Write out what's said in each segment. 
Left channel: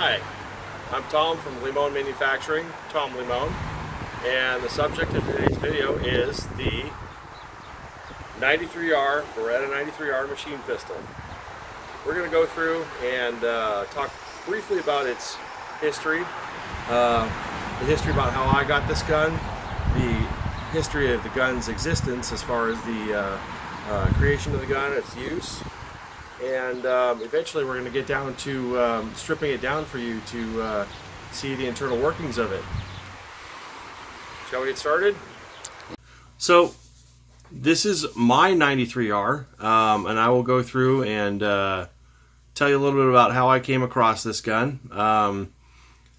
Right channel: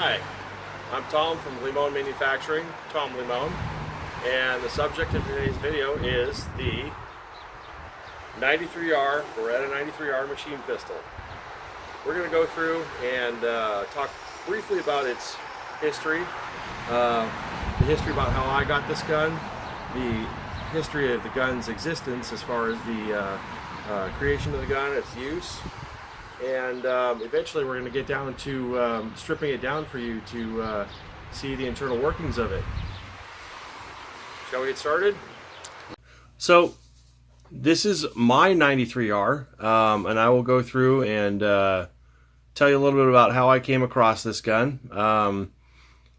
Hi, I'm Tom from Limon Manufacturing, Tom Limon, and the subject of today's video is the 93R, Beretta 93R machine pistol. We're going to go through and talk briefly about its history, the history about how I got this gun, the history of the gun's existence as far as the creation of the gun, its use, and eventually we're going to get down to stripping it down for you to see the internal workings of it. Shall we get started? So this is my 93R, and I will go through and tell you a little bit about how I came across this gun.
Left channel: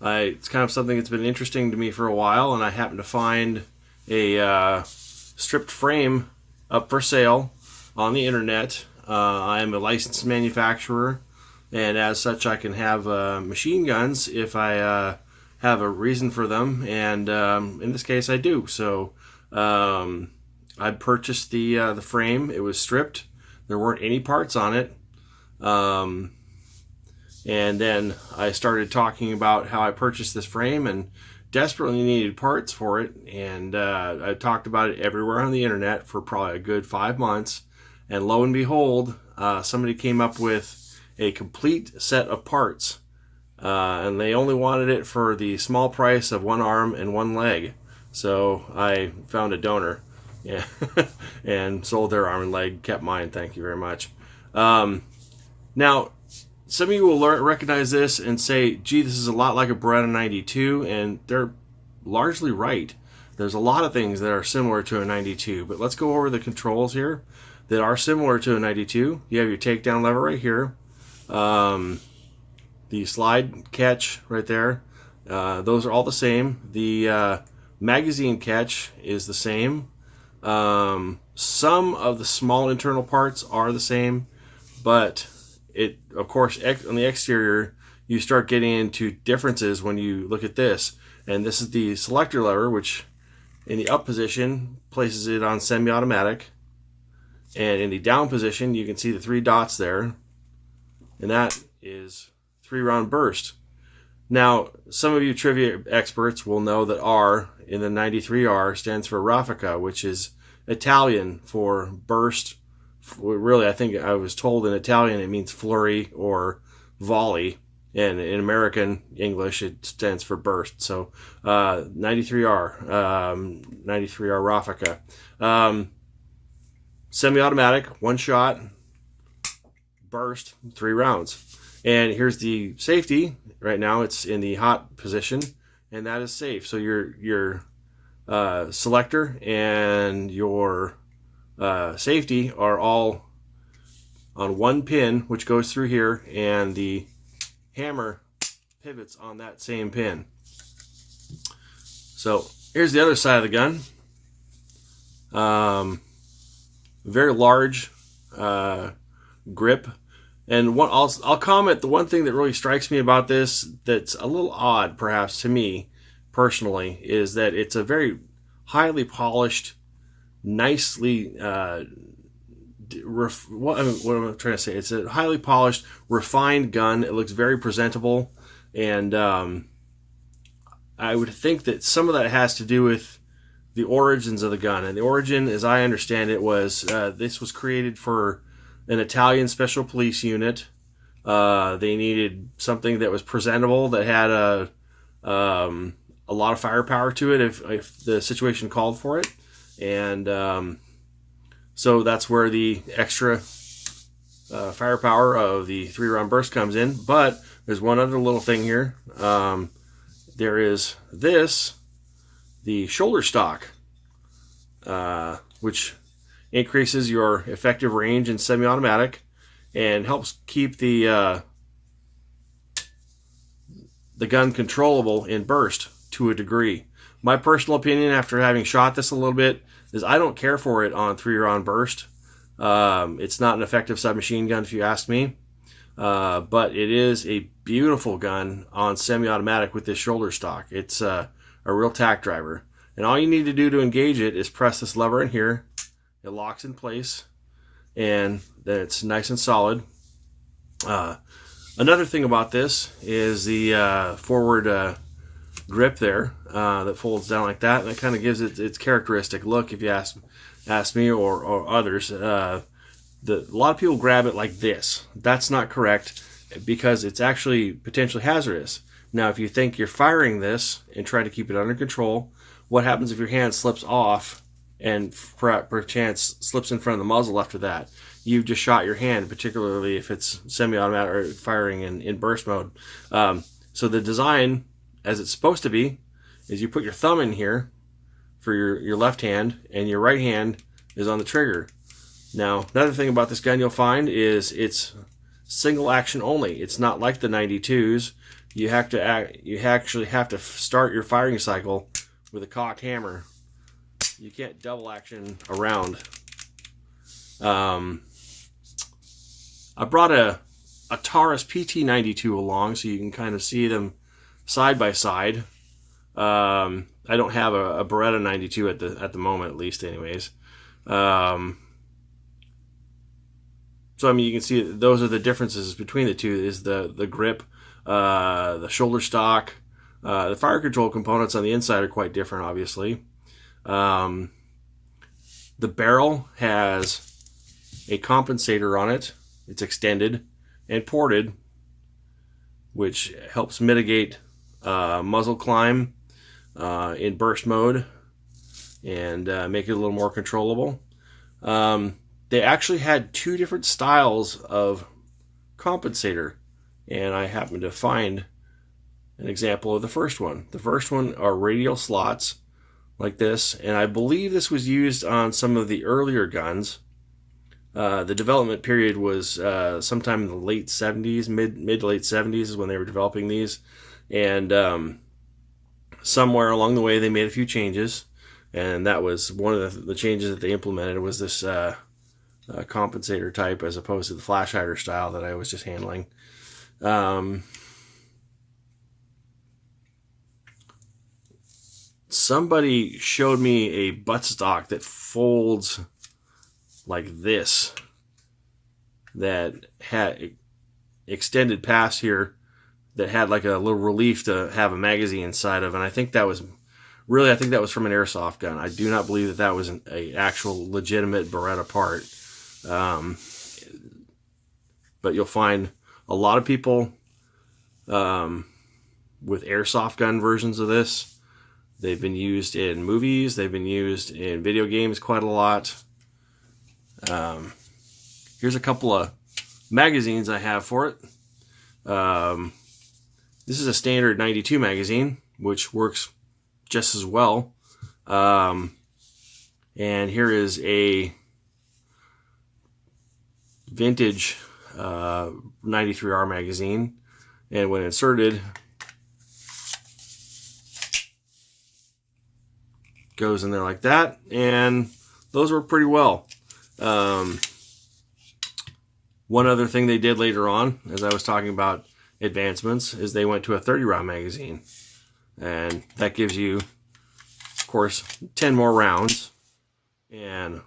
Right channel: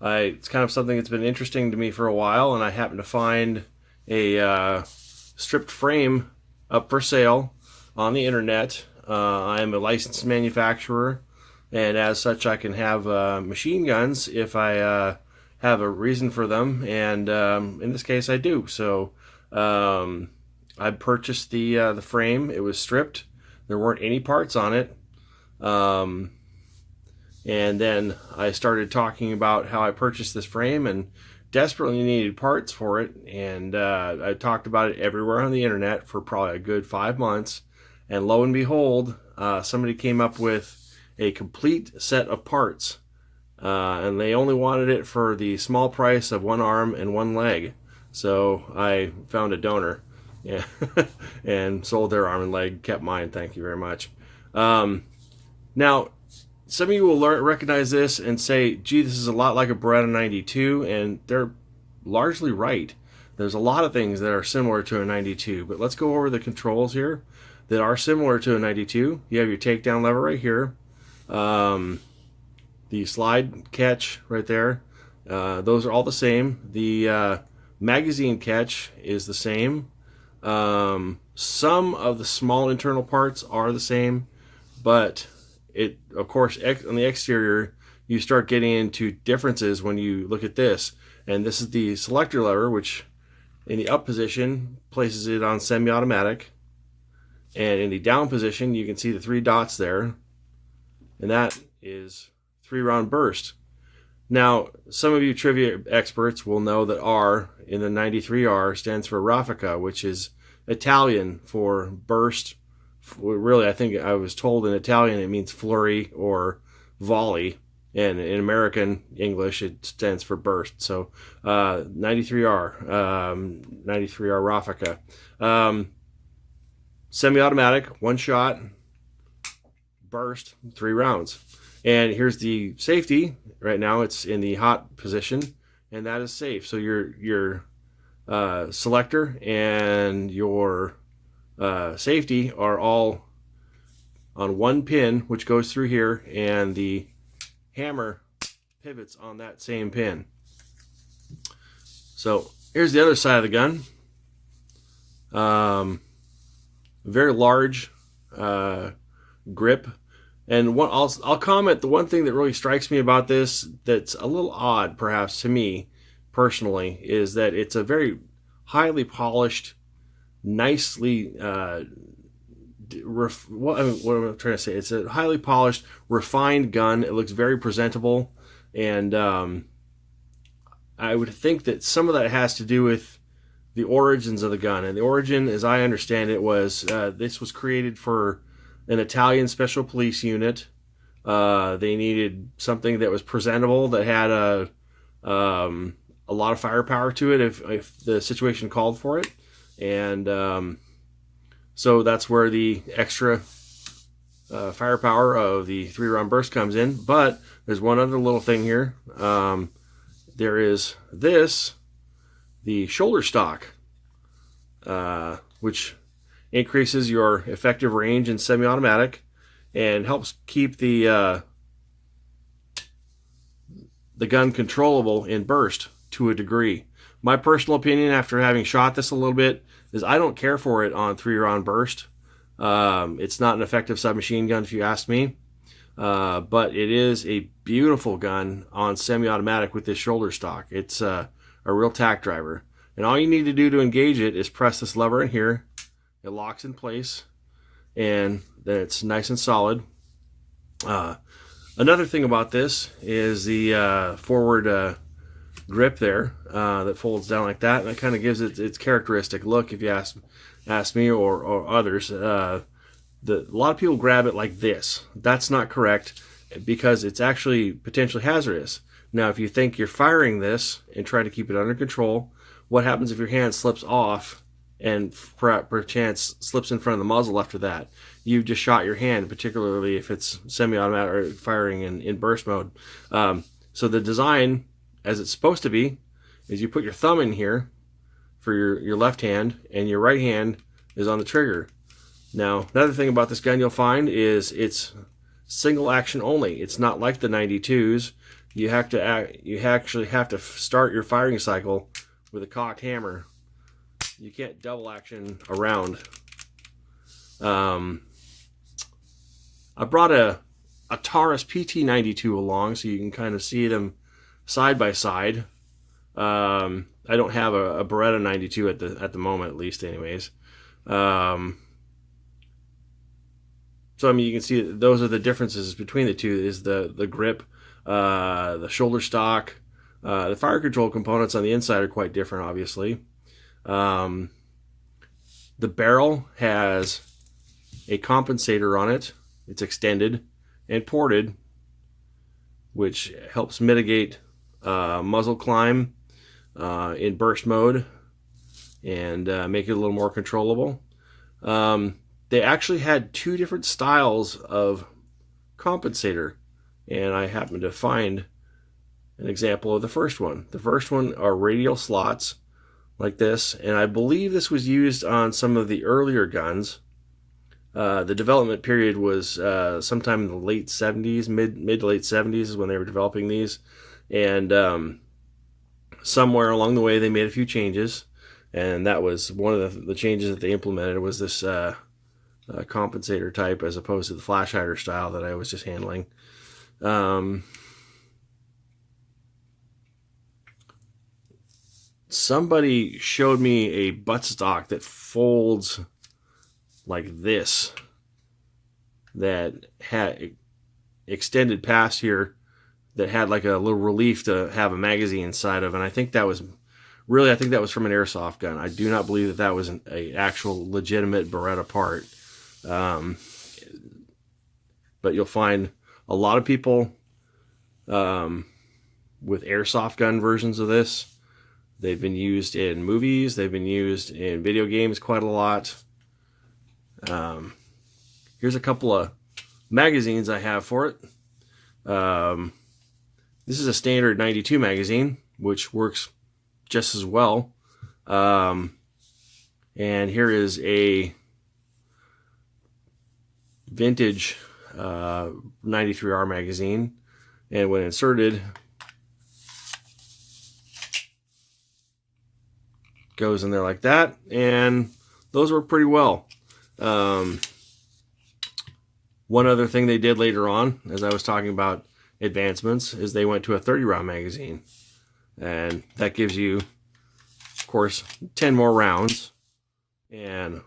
It's kind of something that's been interesting to me for a while, and I happened to find a stripped frame up for sale on the internet. I'm a licensed manufacturer, and as such I can have machine guns if I have a reason for them, and in this case I do. So I purchased the frame. It was stripped. There weren't any parts on it. And then I started talking about how I purchased this frame and desperately needed parts for it, and I talked about it everywhere on the internet for probably a good 5 months. And lo and behold, somebody came up with a complete set of parts. And they only wanted it for the small price of one arm and one leg. So I found a donor, yeah, and sold their arm and leg, kept mine, thank you very much. Now, some of you will recognize this and say, gee, this is a lot like a Beretta 92, and they're largely right. There's a lot of things that are similar to a 92, but let's go over the controls here that are similar to a 92. You have your takedown lever right here, the slide catch right there. Those are all the same. The magazine catch is the same. Some of the small internal parts are the same, but it, of course, on the exterior, you start getting into differences when you look at this. And this is the selector lever, which in the up position places it on semi-automatic. And in the down position, you can see the 3 dots there, and that is 3-round burst. Now, some of you trivia experts will know that R in the 93R stands for Raffica, which is Italian for burst. Really, I think I was told in Italian it means flurry or volley, and in American English it stands for burst. So 93R, 93R Raffica. Semi-automatic, 1 shot, burst, 3 rounds. And here's the safety. Right now it's in the hot position, and that is safe. So your selector and your safety are all on 1 pin, which goes through here, and the hammer pivots on that same pin. So here's the other side of the gun. Very large grip, and I'll comment. The one thing that really strikes me about this, that's a little odd perhaps to me personally, is that it's a very highly polished, nicely what am I trying to say? It's a highly polished, refined gun. It looks very presentable, and I would think that some of that has to do with the origins of the gun. And the origin, as I understand it, was this was created for an Italian special police unit. They needed something that was presentable, that had a lot of firepower to it if the situation called for it. And so that's where the extra firepower of the 3-round burst comes in. But there's one other little thing here. There is this, the shoulder stock, which increases your effective range in semi-automatic and helps keep the gun controllable in burst to a degree. My personal opinion, after having shot this a little bit, is I don't care for it on 3-round burst. It's not an effective submachine gun if you ask me, but it is a beautiful gun on semi-automatic with this shoulder stock. It's a real tack driver, and all you need to do to engage it is press this lever in here. It locks in place, and then it's nice and solid. Another thing about this is the forward grip there that folds down like that. And that kind of gives it its characteristic look, if you ask me or others. A lot of people grab it like this. That's not correct, because it's actually potentially hazardous. Now, if you think you're firing this and try to keep it under control, what happens if your hand slips off and perchance slips in front of the muzzle after that? You've just shot your hand, particularly if it's semi-automatic or firing in burst mode. So the design, as it's supposed to be, is you put your thumb in here for your left hand, and your right hand is on the trigger. Now, another thing about this gun you'll find is it's single action only. It's not like the 92s. You actually have to start your firing cycle with a cocked hammer. You can't double action around. I brought a Taurus PT92 along so you can kind of see them side by side. I don't have a Beretta 92 at the moment, at least, anyways. So I mean, you can see those are the differences between the two. Is the grip, the shoulder stock, the fire control components on the inside are quite different, obviously. The barrel has a compensator on it. It's extended and ported, which helps mitigate muzzle climb in burst mode and make it a little more controllable. They actually had two different styles of compensator, and I happened to find an example of the first one. The first one are radial slots like this, and I believe this was used on some of the earlier guns. The development period was sometime in the late 70s, mid to late 70s is when they were developing these, and somewhere along the way they made a few changes, and that was one of the changes that they implemented was this compensator type as opposed to the flash hider style that I was just handling. Somebody showed me a buttstock that folds like this, that had extended past here, that had like a little relief to have a magazine inside of, and I think that was from an airsoft gun. I do not believe that was an actual legitimate Beretta part. But you'll find a lot of people with airsoft gun versions of this. They've been used in movies. They've been used in video games quite a lot. Here's a couple of magazines I have for it. This is a standard 92 magazine, which works just as well. And here is a vintage 93R magazine, and when inserted, goes in there like that, and those work pretty well. One other thing they did later on, as I was talking about advancements, is they went to a 30-round magazine, and that gives you, of course, 10 more rounds and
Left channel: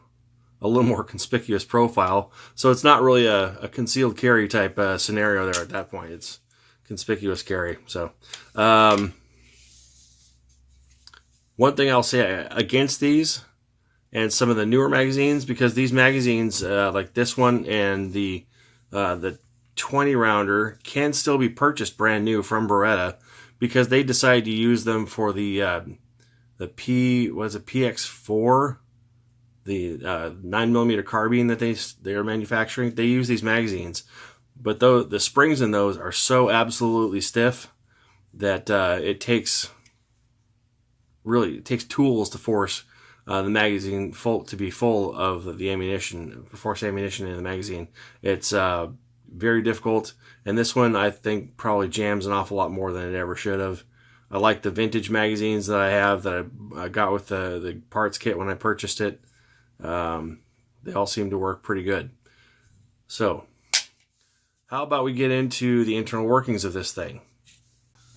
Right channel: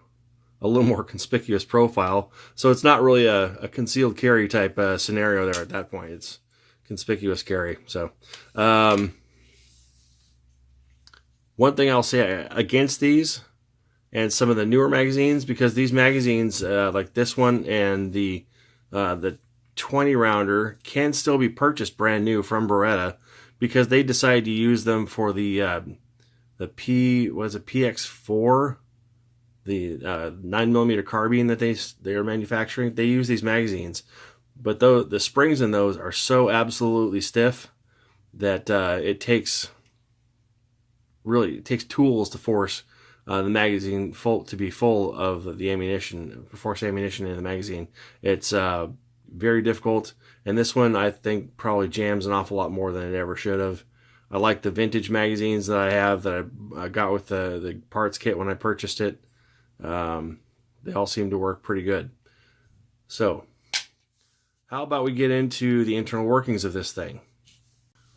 a little more conspicuous profile. So it's not really a concealed carry type scenario there at that point. It's conspicuous carry. So one thing I'll say against these and some of the newer magazines, because these magazines like this one and the 20 rounder can still be purchased brand new from Beretta, because they decided to use them for the PX4, the 9mm carbine that they are manufacturing. They use these magazines, but the springs in those are so absolutely stiff that it takes tools to force the magazine to be full of the ammunition, force ammunition in the magazine. It's very difficult, and this one I think probably jams an awful lot more than it ever should have. I like the vintage magazines that I have that I got with the parts kit when I purchased it. They all seem to work pretty good. So, how about we get into the internal workings of this thing?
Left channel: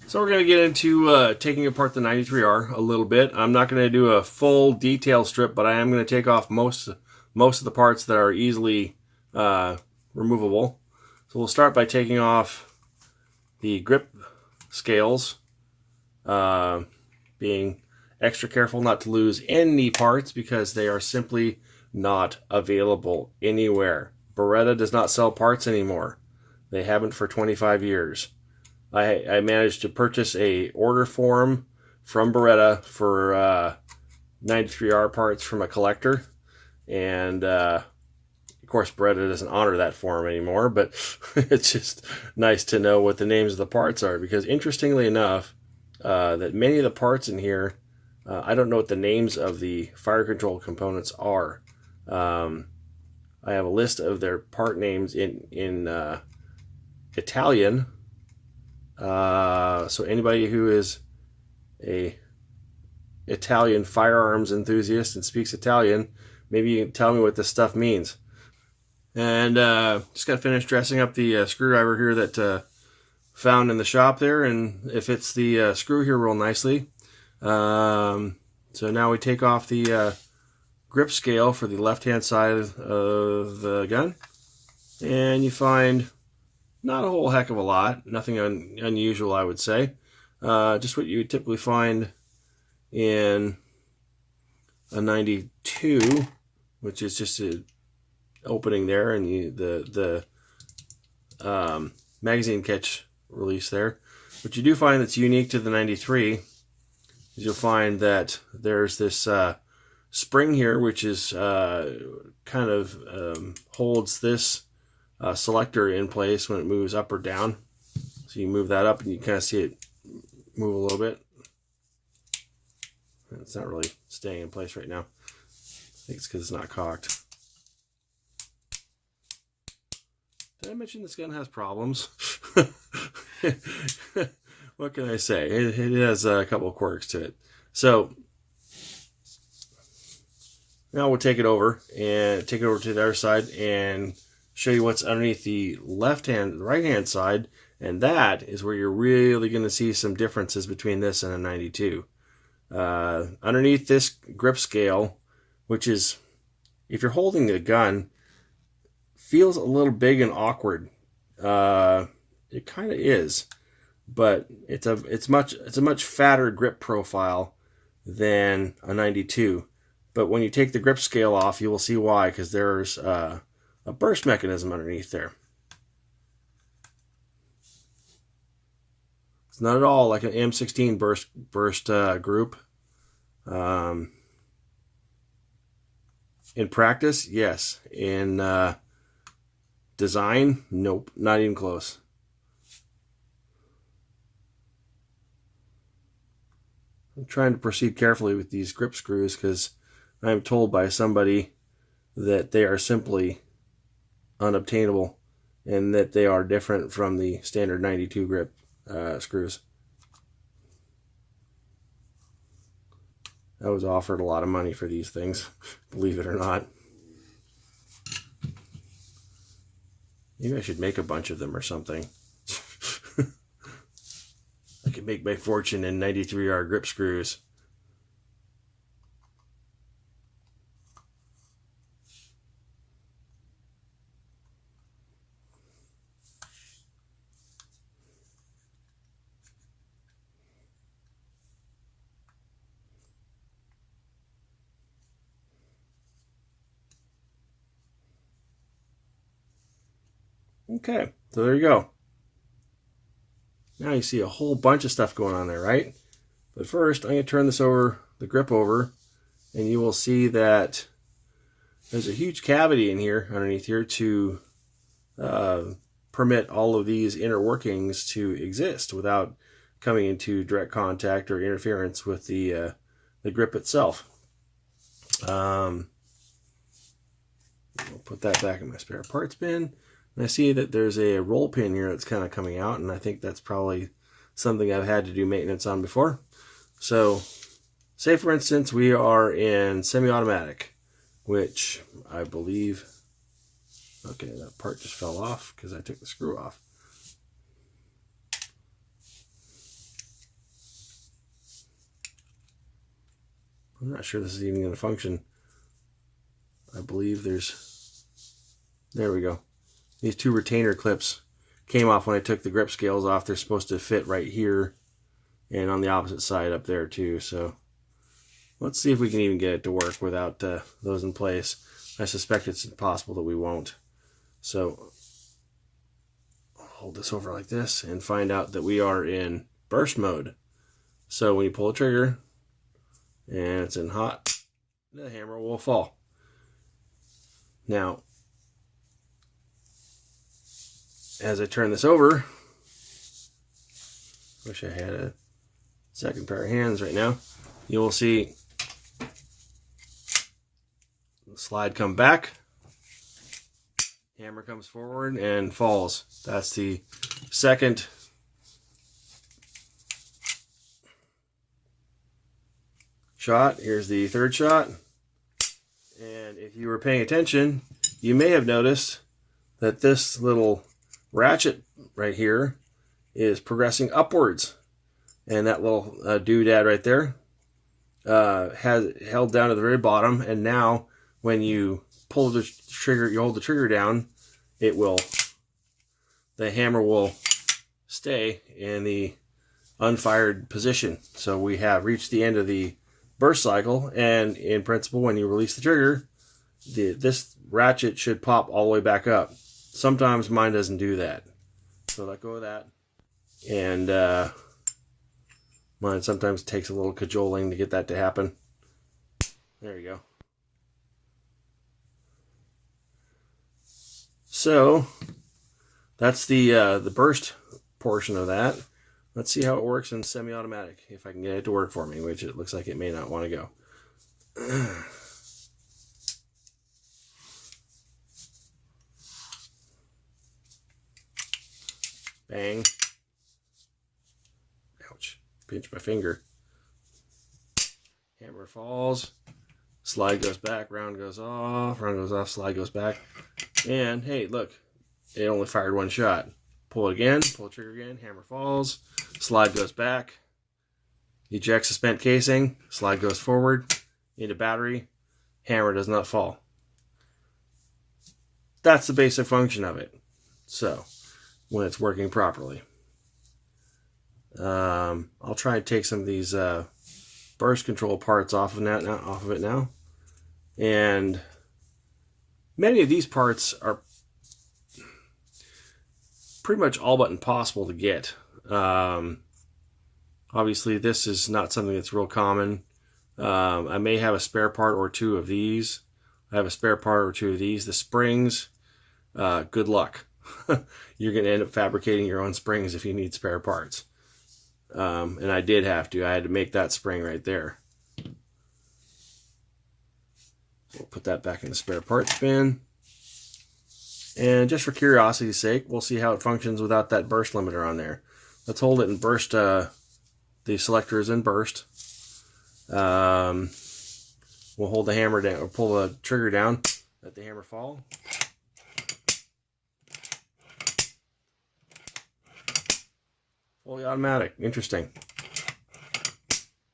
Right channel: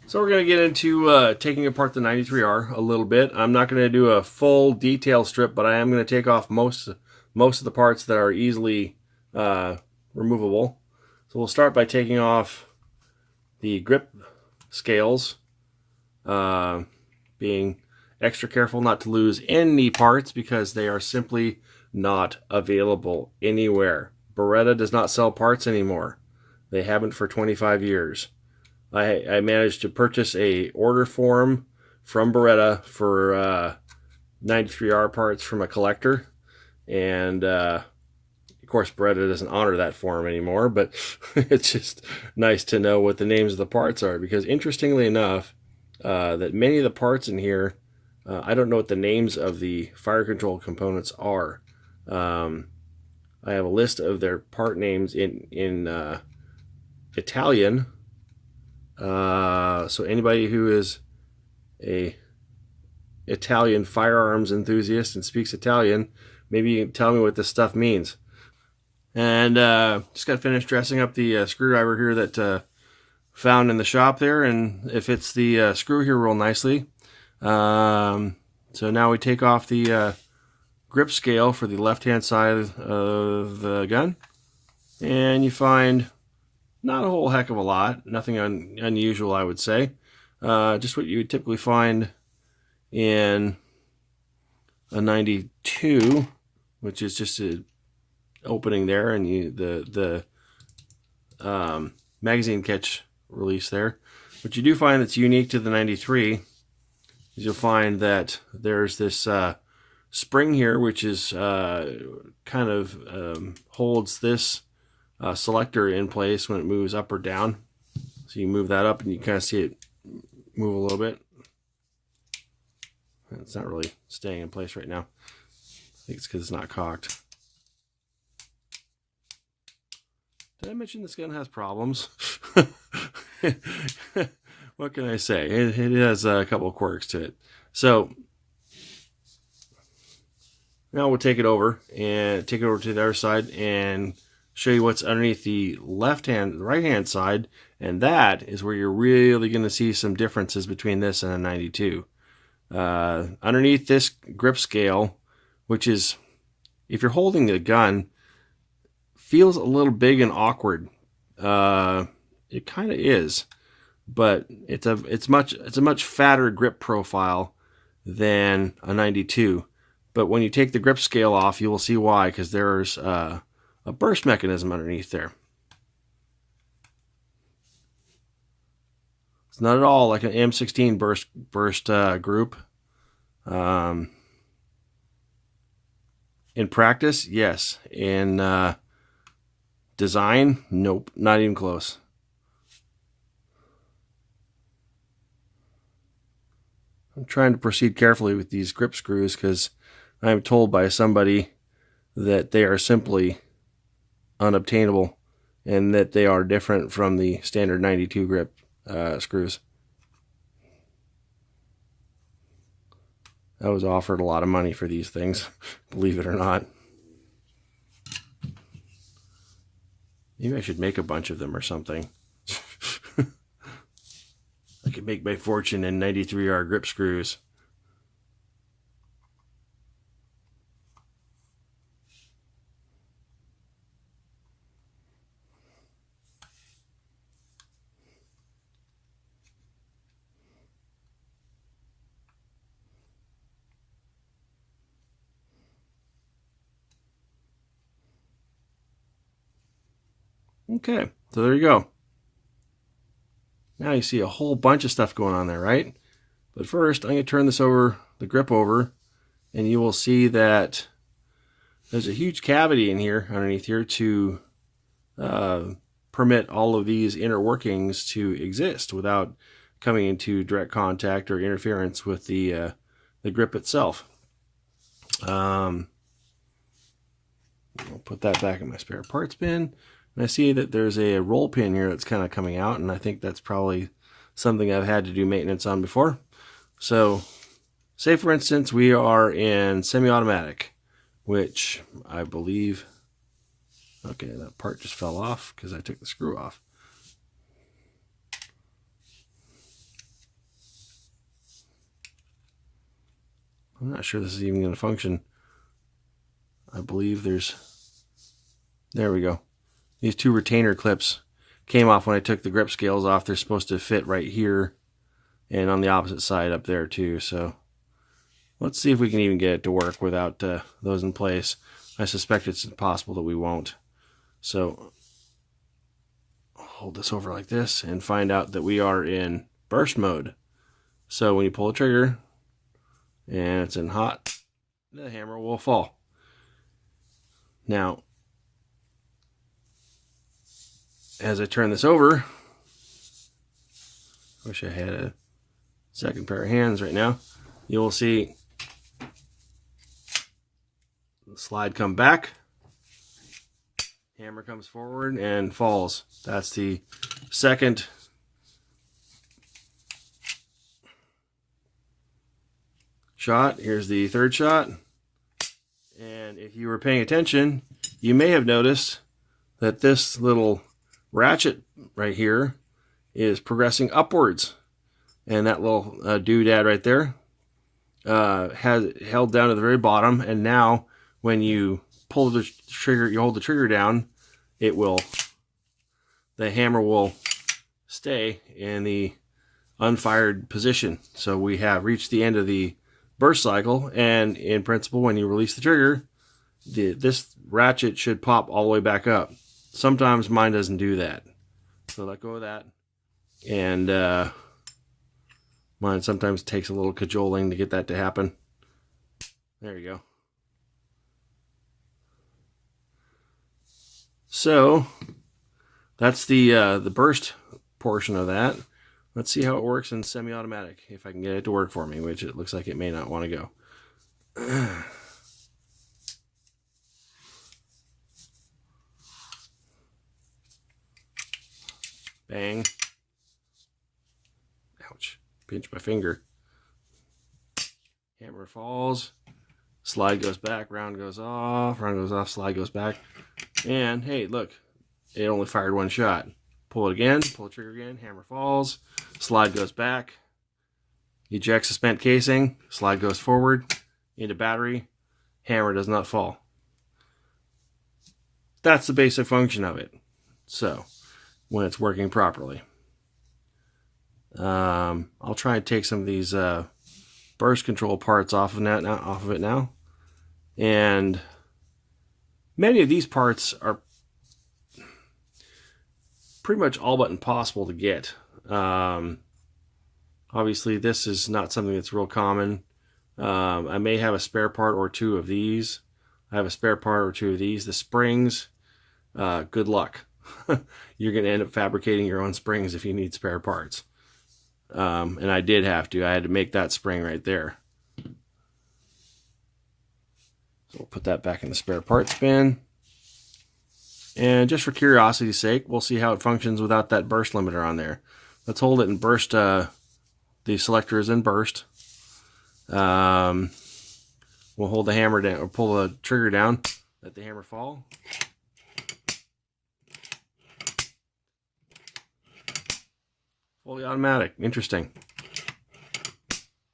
So we're going to get into taking apart the 93R a little bit. I'm not going to do a full detail strip, but I am going to take off most of the parts that are easily removable. So we'll start by taking off the grip scales, being extra careful not to lose any parts because they are simply not available anywhere. Beretta does not sell parts anymore. They haven't for 25 years. I managed to purchase a order form from Beretta for 93R parts from a collector, and of course Beretta doesn't honor that form anymore, but it's just nice to know what the names of the parts are, because interestingly enough, that many of the parts in here, I don't know what the names of the fire control components are. I have a list of their part names in Italian. So anybody who is a Italian firearms enthusiast and speaks Italian, maybe you can tell me what this stuff means. And just got to finish dressing up the screwdriver here that found in the shop there, and it fits the screw here real nicely. So now we take off the grip scale for the left-hand side of the gun, and you find not a whole heck of a lot, nothing unusual, I would say. Just what you would typically find in a 92, which is just an opening there, and the magazine catch release there. What you do find that's unique to the 93 is you'll find that there's this spring here, which is kind of holds this selector in place when it moves up or down. So you move that up and you kind of see it move a little bit. It's not really staying in place right now. I think it's because it's not cocked. Did I mention this gun has problems? What can I say? It has a couple of quirks to it. So now we'll take it over to the other side and show you what's underneath the right-hand side, and that is where you're really going to see some differences between this and a 92. Underneath this grip scale, which is, if you're holding the gun, feels a little big and awkward. It kind of is, but it's a much fatter grip profile than a 92. But when you take the grip scale off, you will see why, because there's a burst mechanism underneath there. It's not at all like an M16 burst group. In practice, yes. In design, nope, not even close. I'm trying to proceed carefully with these grip screws because I'm told by somebody that they are simply unobtainable and that they are different from the standard 92 grip screws. I was offered a lot of money for these things, believe it or not. Maybe I should make a bunch of them or something. I could make my fortune in 93R grip screws. Okay, so there you go. Now you see a whole bunch of stuff going on there, right? But first, I'm going to turn the grip over, and you will see that there's a huge cavity in here, underneath here, to permit all of these inner workings to exist without coming into direct contact or interference with the grip itself. I'll put that back in my spare parts bin. And I see that there's a roll pin here that's kind of coming out, and I think that's probably something I've had to do maintenance on before. So, say for instance we are in semi-automatic, which I believe, okay, that part just fell off because I took the screw off. I'm not sure this is even going to function. I believe there we go. These two retainer clips came off when I took the grip scales off. They're supposed to fit right here and on the opposite side up there too. So let's see if we can even get it to work without those in place. I suspect it's impossible that we won't. So I'll hold this over like this and find out that we are in burst mode. So when you pull the trigger and it's in hot, the hammer will fall. Now, as I turn this over, wish I had a second pair of hands right now, you'll see the slide come back, hammer comes forward and falls. That's the second shot. Here's the third shot. And if you were paying attention, you may have noticed that this little ratchet right here is progressing upwards. And that little doodad right there has held down to the very bottom. And now when you pull the trigger, you hold the trigger down, the hammer will stay in the unfired position. So we have reached the end of the burst cycle, and in principle, when you release the trigger, this ratchet should pop all the way back up. Sometimes mine doesn't do that, so let go of that. And mine sometimes takes a little cajoling to get that to happen. There you go. So that's the burst portion of that. Let's see how it works in semi-automatic, if I can get it to work for me, which it looks like it may not want to go. Bang. Ouch. Pinch my finger. Hammer falls. Slide goes back, round goes off, slide goes back. And hey, look, it only fired one shot. Pull it again, pull the trigger again, hammer falls, slide goes back, ejects the spent casing, slide goes forward, into battery, hammer does not fall. That's the basic function of it. So, when it's working properly. I'll try and take some of these burst control parts off of it now. And many of these parts are pretty much all but impossible to get. Obviously, this is not something that's real common. I may have a spare part or two of these. I have a spare part or two of these. The springs, good luck. You're going to end up fabricating your own springs if you need spare parts. And I did have to. I had to make that spring right there. We'll put that back in the spare parts bin. And just for curiosity's sake, we'll see how it functions without that burst limiter on there. Let's hold it in burst. The selector is in burst. We'll hold the hammer down, or pull the trigger down, let the hammer fall. Fully automatic. Interesting.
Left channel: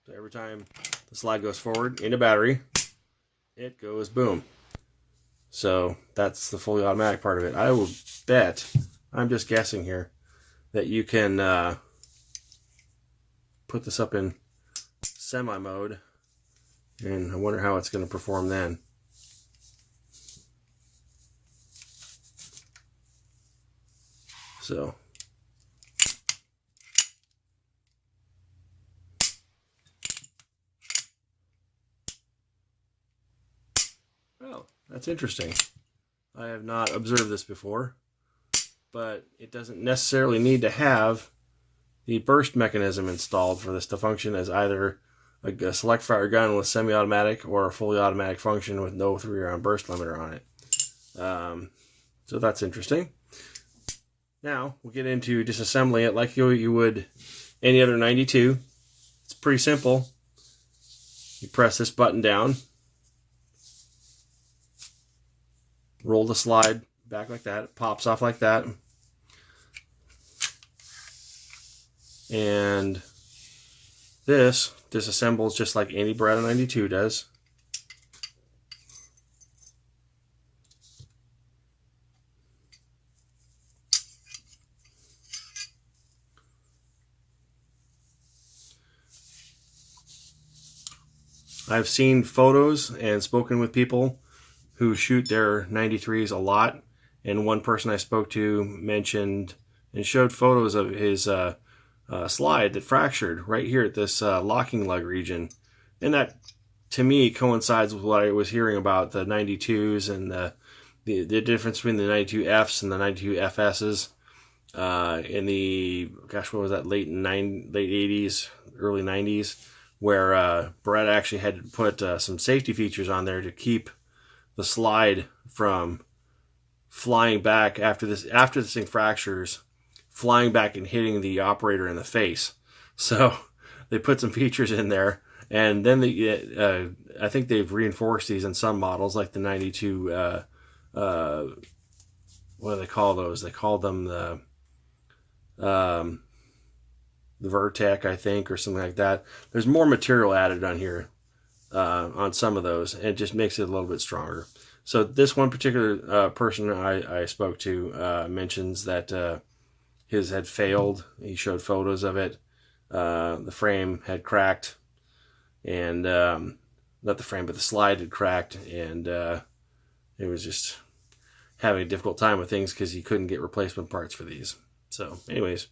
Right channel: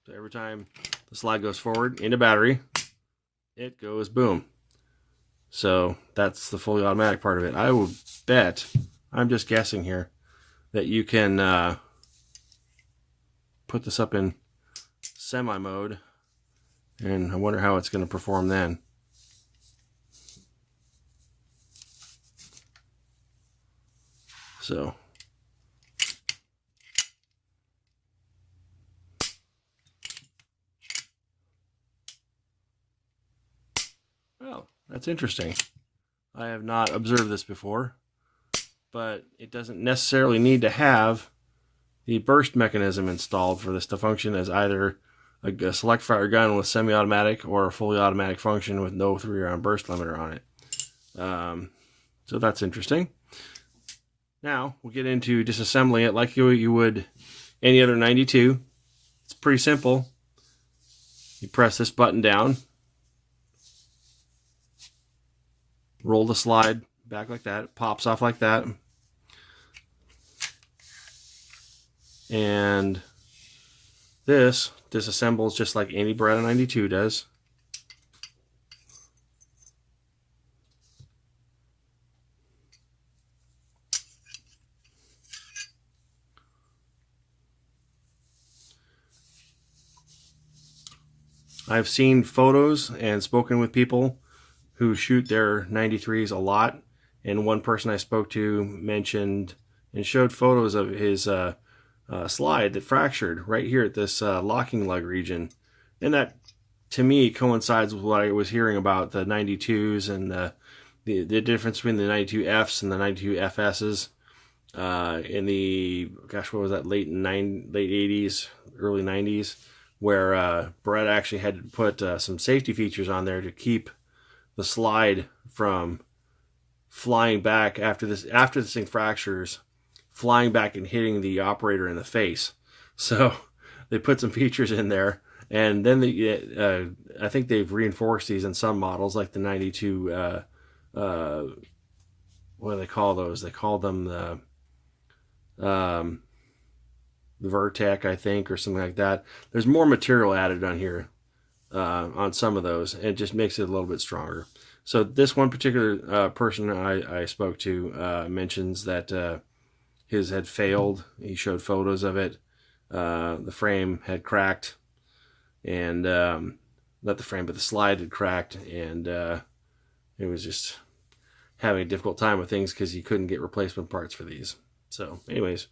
So every time the slide goes forward into battery, it goes boom. So that's the fully automatic part of it. I will bet, I'm just guessing here, that you can put this up in semi mode, and I wonder how it's going to perform then. So well, that's interesting. I have not observed this before, but it doesn't necessarily need to have the burst mechanism installed for this to function as either a select fire gun with semi-automatic or a fully automatic function with no 3-round burst limiter on it. So that's interesting. Now we'll get into disassembling it like you would any other 92. It's pretty simple. You press this button down, roll the slide back like that, it pops off like that, and this disassembles just like any Beretta 92 does. I've seen photos and spoken with people who shoot their 93s a lot, and one person I spoke to mentioned and showed photos of his slide that fractured right here at this locking lug region, and that to me coincides with what I was hearing about the 92s and the difference between the 92Fs and the 92FSs in the, gosh, what was that, late 80s, early 90s, where Beretta actually had to put some safety features on there to keep the slide from flying back after this thing fractures, flying back and hitting the operator in the face. So they put some features in there, and then I think they've reinforced these in some models, like the 92. What do they call those? They call them the Vertec, I think, or something like that. There's more material added on here on some of those, and it just makes it a little bit stronger. So this one particular person I spoke to mentions that his had failed. He showed photos of it. The frame had cracked, and not the frame, but the slide had cracked, and it was just having a difficult time with things because he couldn't get replacement parts for these. So anyways,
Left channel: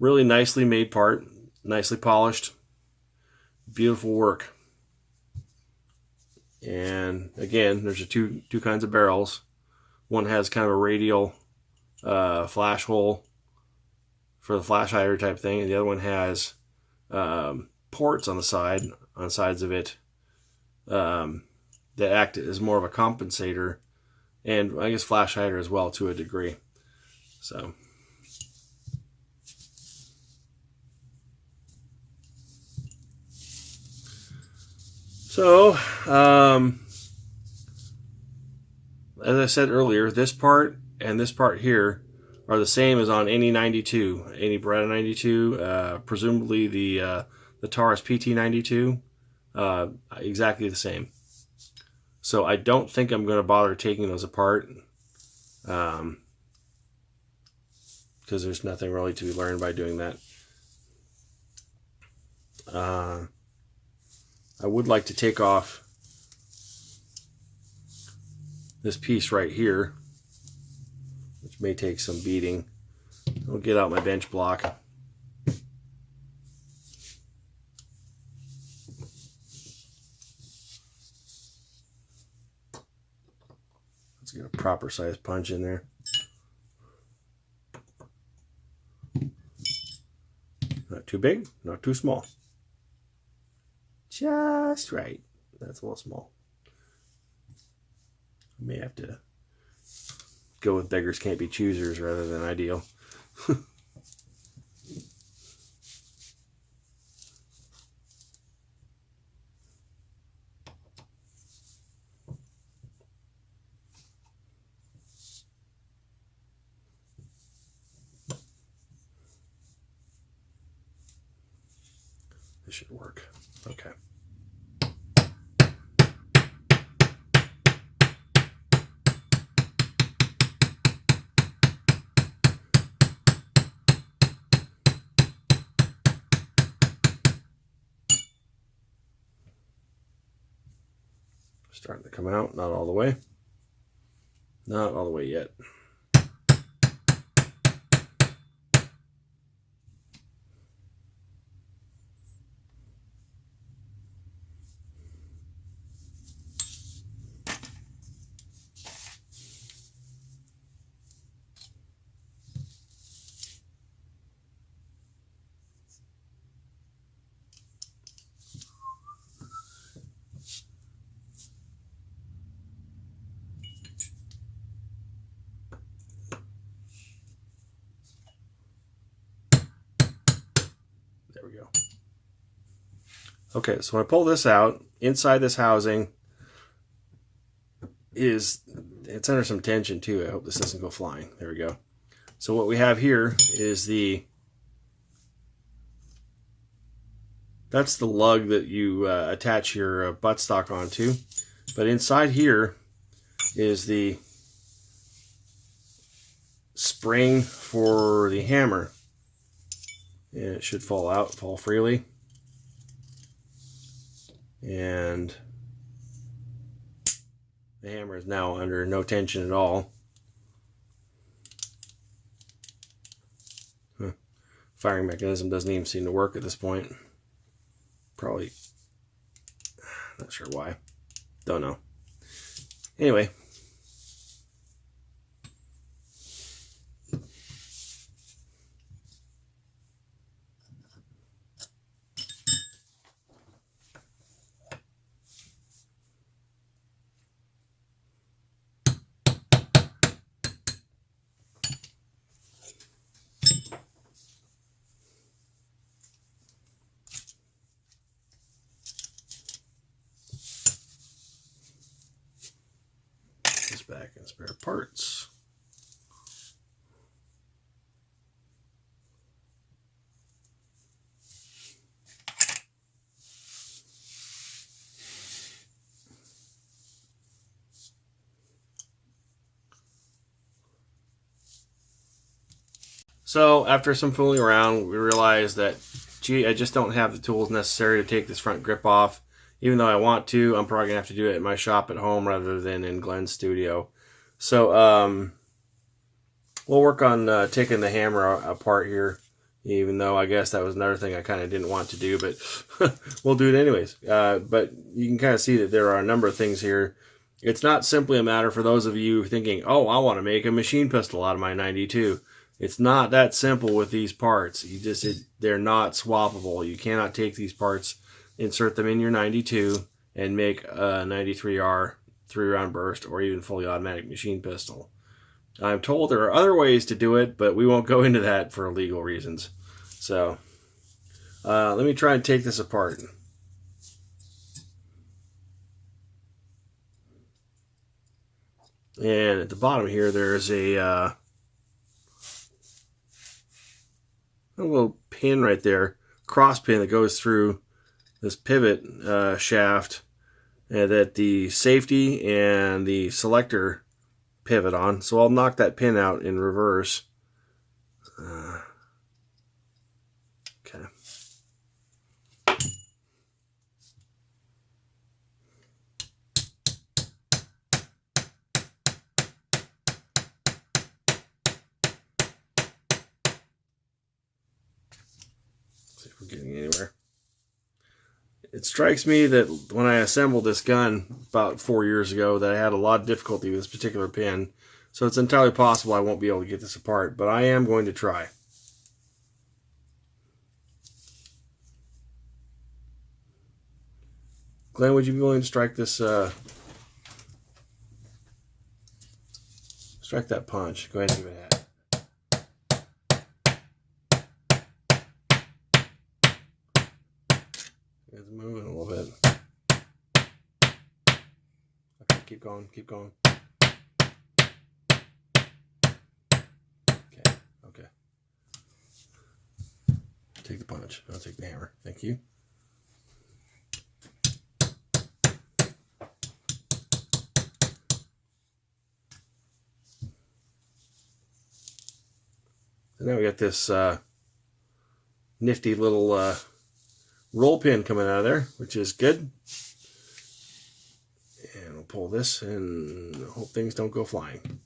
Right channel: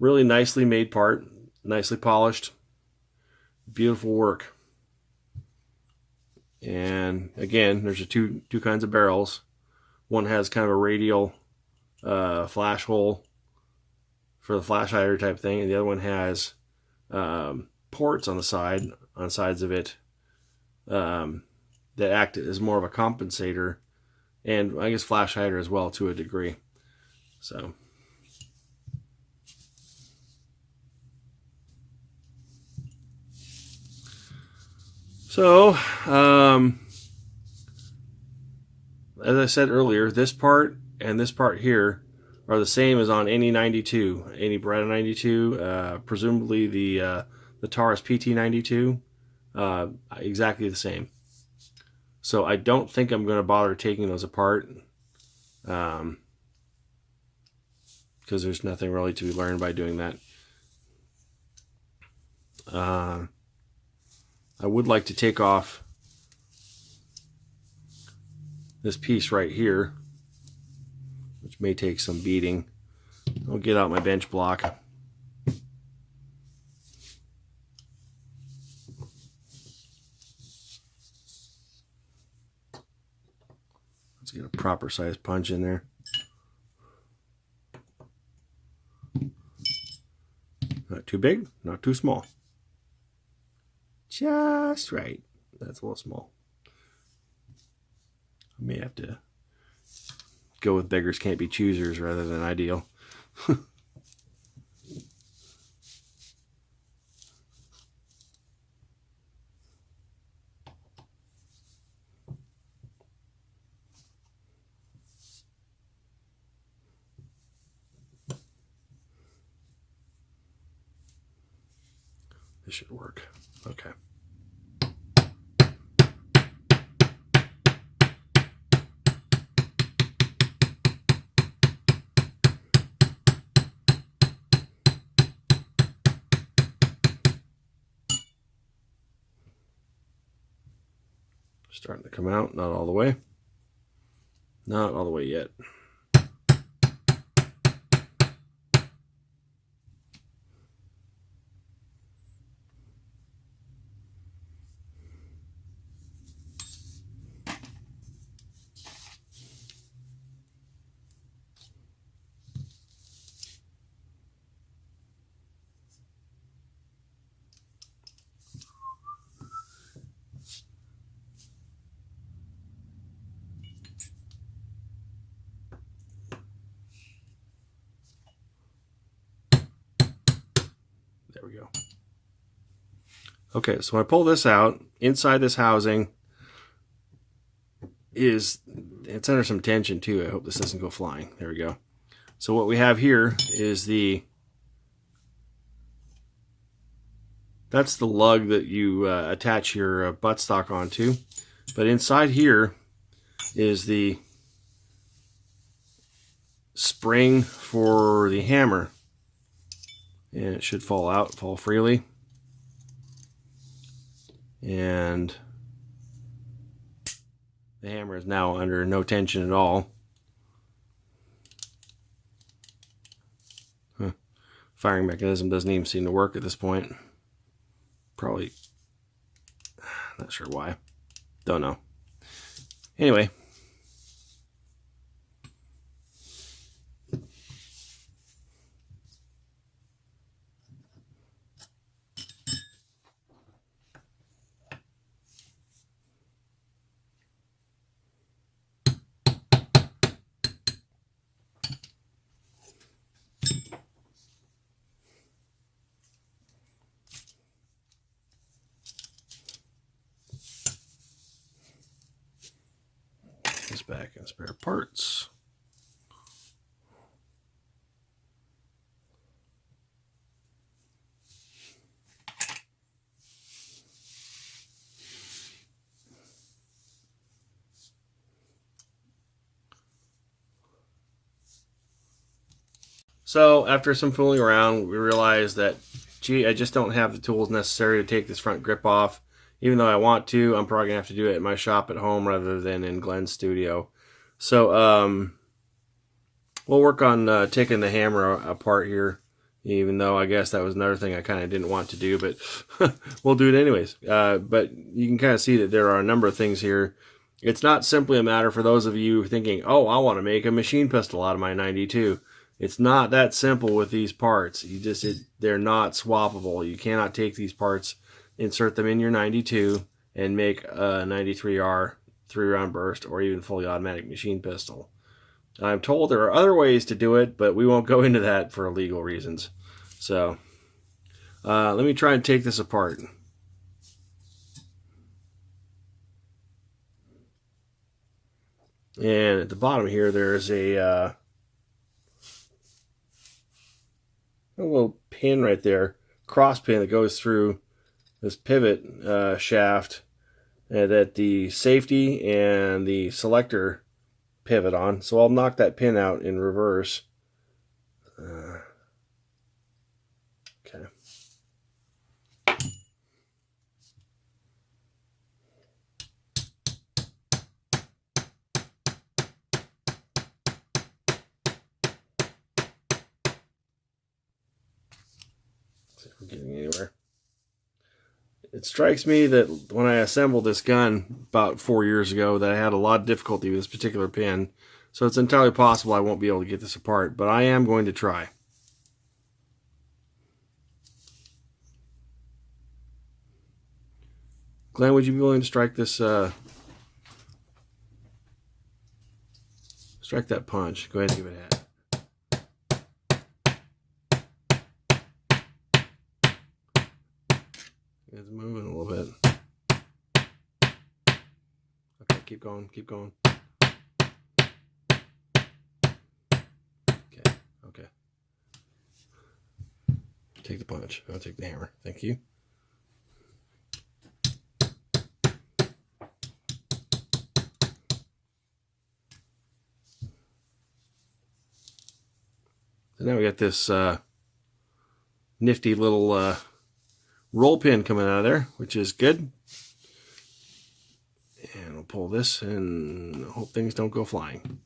really nicely made part, nicely polished, beautiful work. And again, there's two kinds of barrels. One has kind of a radial flash hole for the flash hider type thing, and the other one has ports on the sides of it that act as more of a compensator, and I guess flash hider as well to a degree. So, as I said earlier, this part and this part here are the same as on any 92, any Beretta 92, presumably the Taurus PT92, exactly the same. So I don't think I'm going to bother taking those apart, because there's nothing really to be learned by doing that. I would like to take off this piece right here, which may take some beating. I'll get out my bench block. Let's get a proper size punch in there. Not too big, not too small. Just right. That's a little small. I may have to go with beggars can't be choosers rather than ideal. This should work. Okay. Starting to come out, not all the way. Not all the way yet. There we go. Okay, so when I pull this out, inside this housing it's under some tension too. I hope this doesn't go flying. There we go. So what we have here is that's the lug that you attach your buttstock onto. But inside here is the spring for the hammer. And it should fall freely. and the hammer is now under no tension at all. Firing mechanism doesn't even seem to work at this point. Probably, not sure why. Don't know. Anyway. Back and spare parts. So after some fooling around, we realized that, gee, I just don't have the tools necessary to take this front grip off. Even though I want to, I'm probably going to have to do it in my shop at home rather than in Glenn's studio. So we'll work on taking the hammer apart here, even though I guess that was another thing I kind of didn't want to do, but we'll do it anyways. But you can kind of see that there are a number of things here. It's not simply a matter for those of you thinking, oh, I want to make a machine pistol out of my 92. It's not that simple with these parts. They're not swappable. You cannot take these parts, insert them in your 92, and make a 93R 3-round burst or even fully automatic machine pistol. I'm told there are other ways to do it, but we won't go into that for legal reasons. So let me try and take this apart. And at the bottom here, there is a little pin right there, cross pin that goes through this pivot shaft that the safety and the selector pivot on. So I'll knock that pin out in reverse. Okay. See if we're getting anywhere. It strikes me that when I assembled this gun about 4 years ago that I had a lot of difficulty with this particular pin. So it's entirely possible I won't be able to get this apart, but I am going to try. Glenn, would you be willing to strike this, strike that punch? Go ahead and give it a hat. It's moving a little bit. Okay, keep going, keep going. Okay. Take the punch. I'll take the hammer. Thank you. So now we got this nifty little roll pin coming out of there, which is good. And we'll pull this and hope things don't go flying.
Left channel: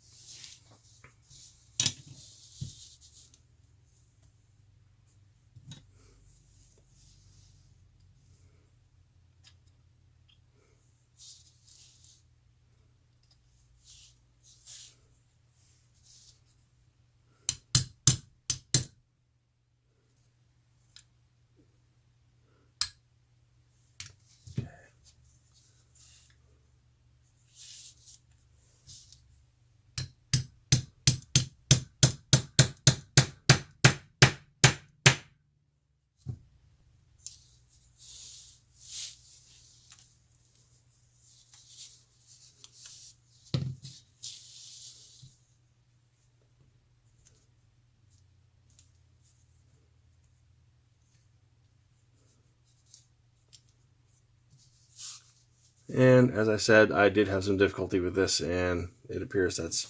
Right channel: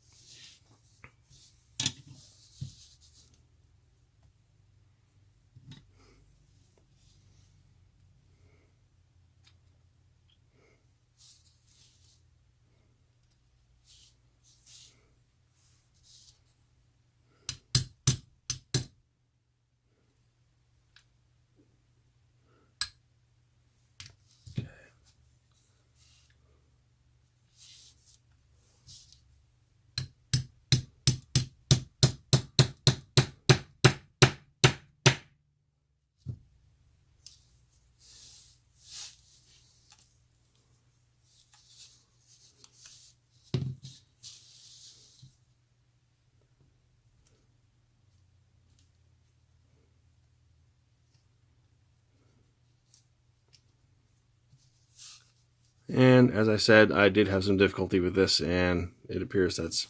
And as I said, I did have some difficulty with this, and it appears that's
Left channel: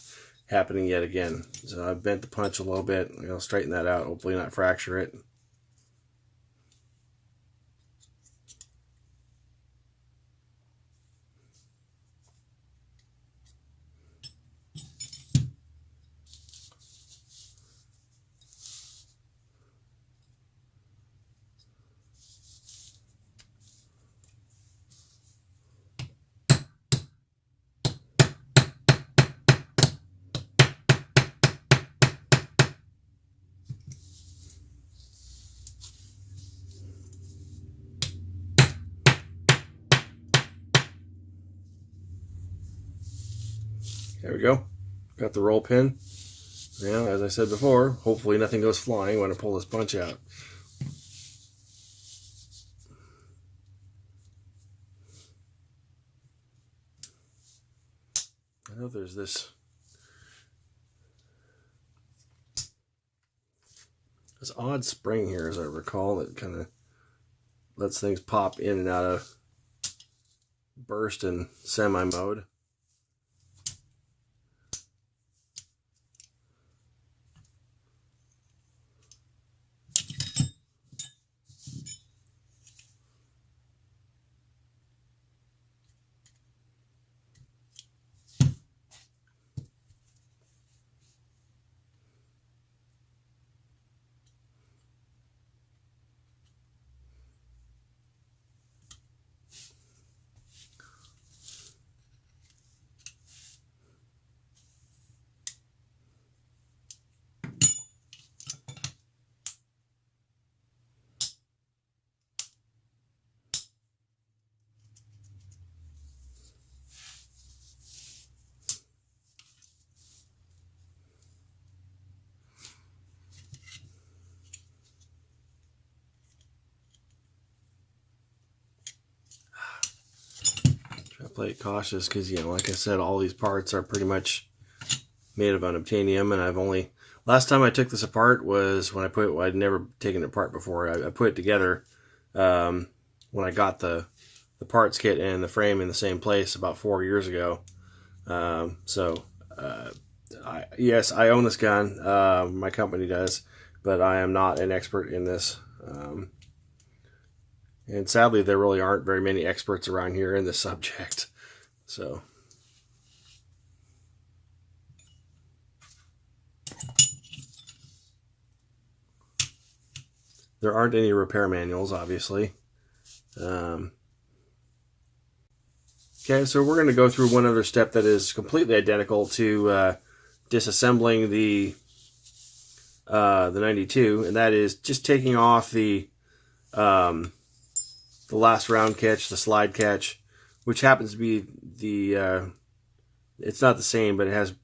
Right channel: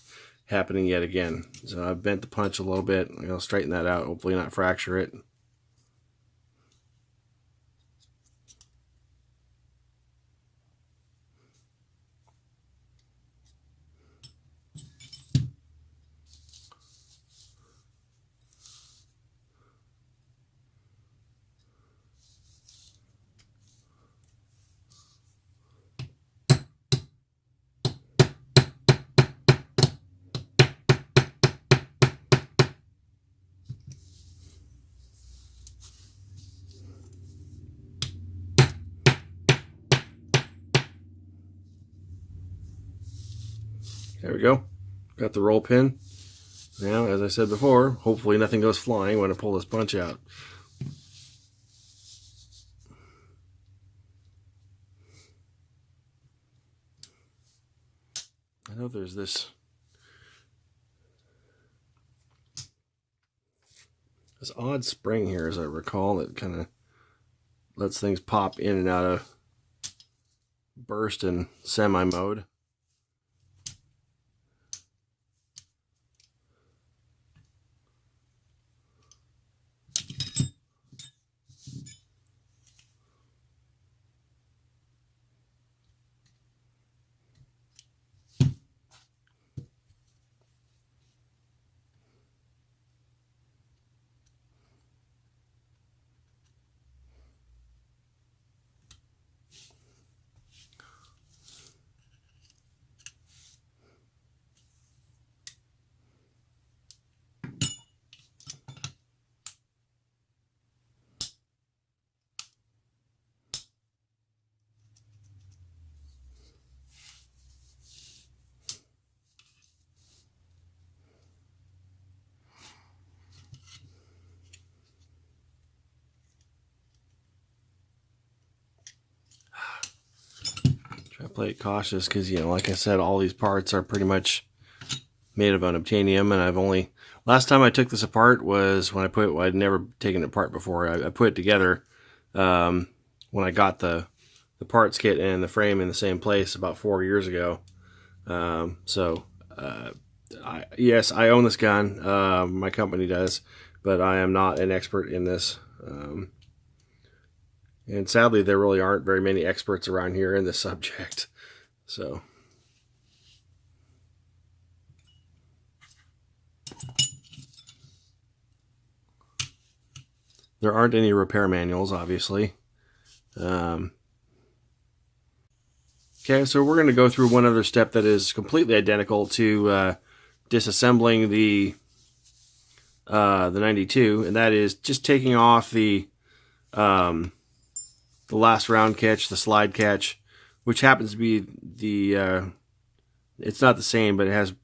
happening yet again. So I've bent the punch a little bit. I'm going to straighten that out, hopefully not fracture it. There we go. Got the roll pin. Now, as I said before, hopefully nothing goes flying when I pull this bunch out. I know there's this odd spring here, as I recall, that kind of lets things pop in and out of burst and semi mode. Try to play it cautious because, you know, like I said, all these parts are pretty much made of unobtainium, and I've only... Last time I took this apart was when I'd never taken it apart before. I put it together when I got the parts kit and the frame in the same place about 4 years ago. Yes, I own this gun. My company does, but I am not an expert in this. And sadly, there really aren't very many experts around here in this subject. So, there aren't any repair manuals, obviously. Okay, so we're going to go through one other step that is completely identical to disassembling the 92, and that is just taking off the last round catch, the slide catch, which happens to be the, it's not the same, but it has,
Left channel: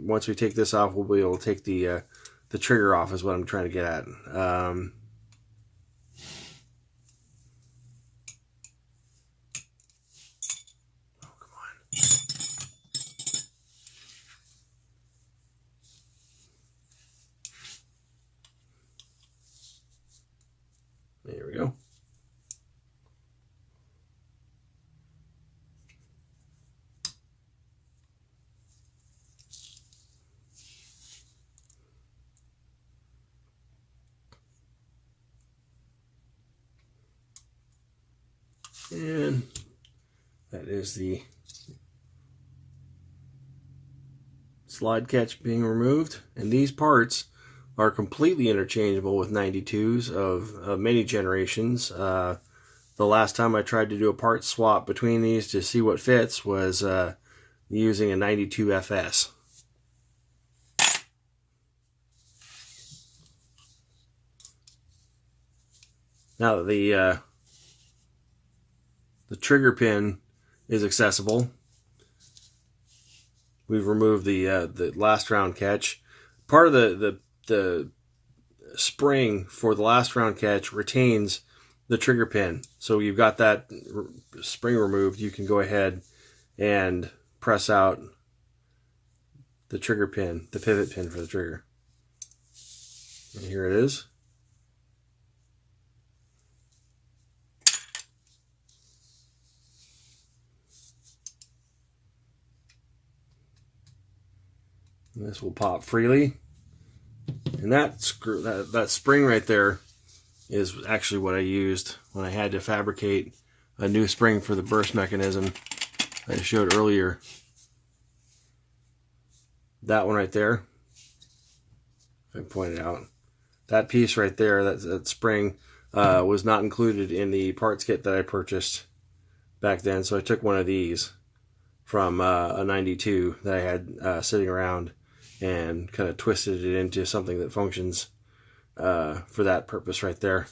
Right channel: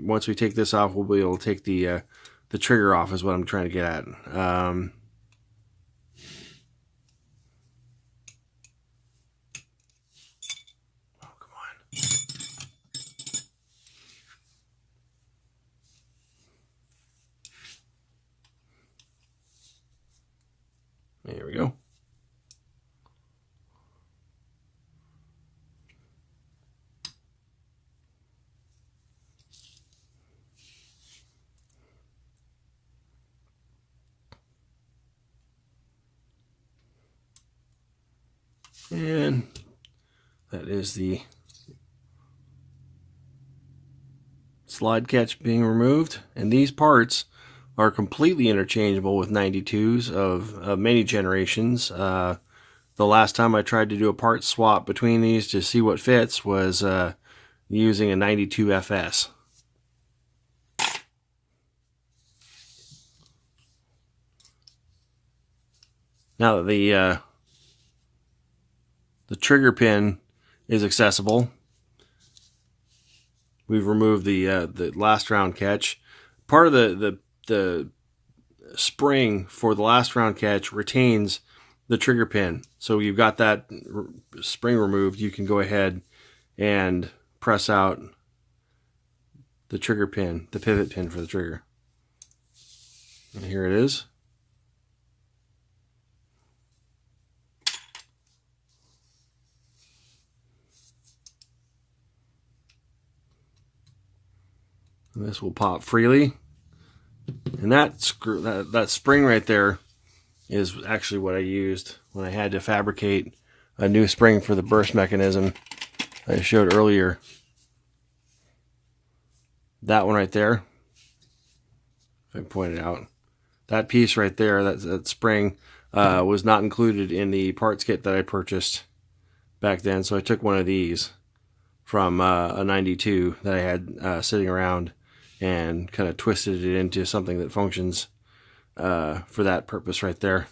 once we take this off, we'll be able to take the trigger off is what I'm trying to get at. Oh, come on. There we go. And that is the slide catch being removed. And these parts are completely interchangeable with 92s of many generations. The last time I tried to do a part swap between these to see what fits was using a 92 FS. Now that the trigger pin is accessible, we've removed the last round catch. Part of the spring for the last round catch retains the trigger pin. So you've got that spring removed, you can go ahead and press out the trigger pin, the pivot pin for the trigger. And here it is. And this will pop freely. And that spring right there is actually what I used when I had to fabricate a new spring for the burst mechanism I showed earlier. That one right there, if I point it out, that piece right there, that spring, was not included in the parts kit that I purchased back then. So I took one of these from a 92 that I had sitting around and kind of twisted it into something that functions for that purpose right there.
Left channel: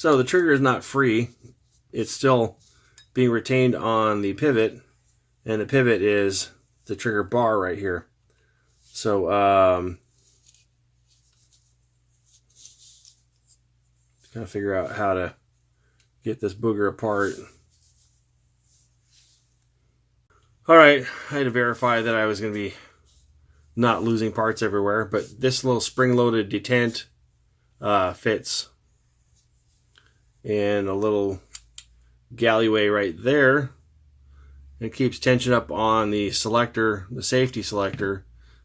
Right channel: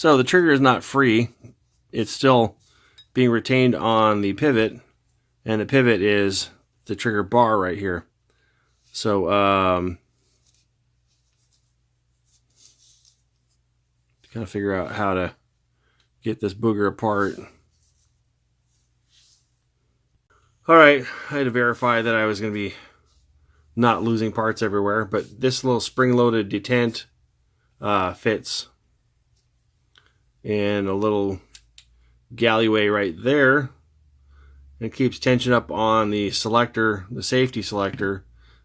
So the trigger is not free. It's still being retained on the pivot, and the pivot is the trigger bar right here. So kind of figure out how to get this booger apart. All right, I had to verify that I was going to be not losing parts everywhere, but this little spring-loaded detent fits in a little galleyway right there. It keeps tension up on the selector, the safety selector,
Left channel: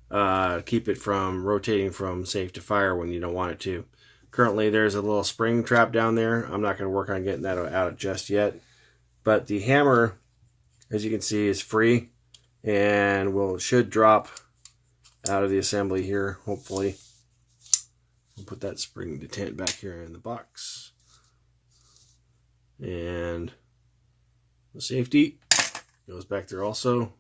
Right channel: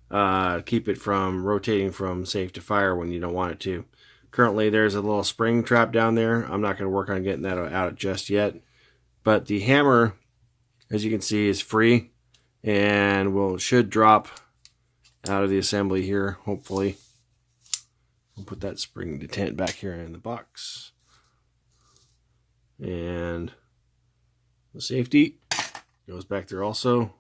to keep it from rotating from safe to fire when you don't want it to. Currently, there's a little spring trap down there. I'm not going to work on getting that out just yet. But the hammer, as you can see, is free and should drop out of the assembly here, hopefully. We'll put that spring detent back here in the box. And the safety goes back there also.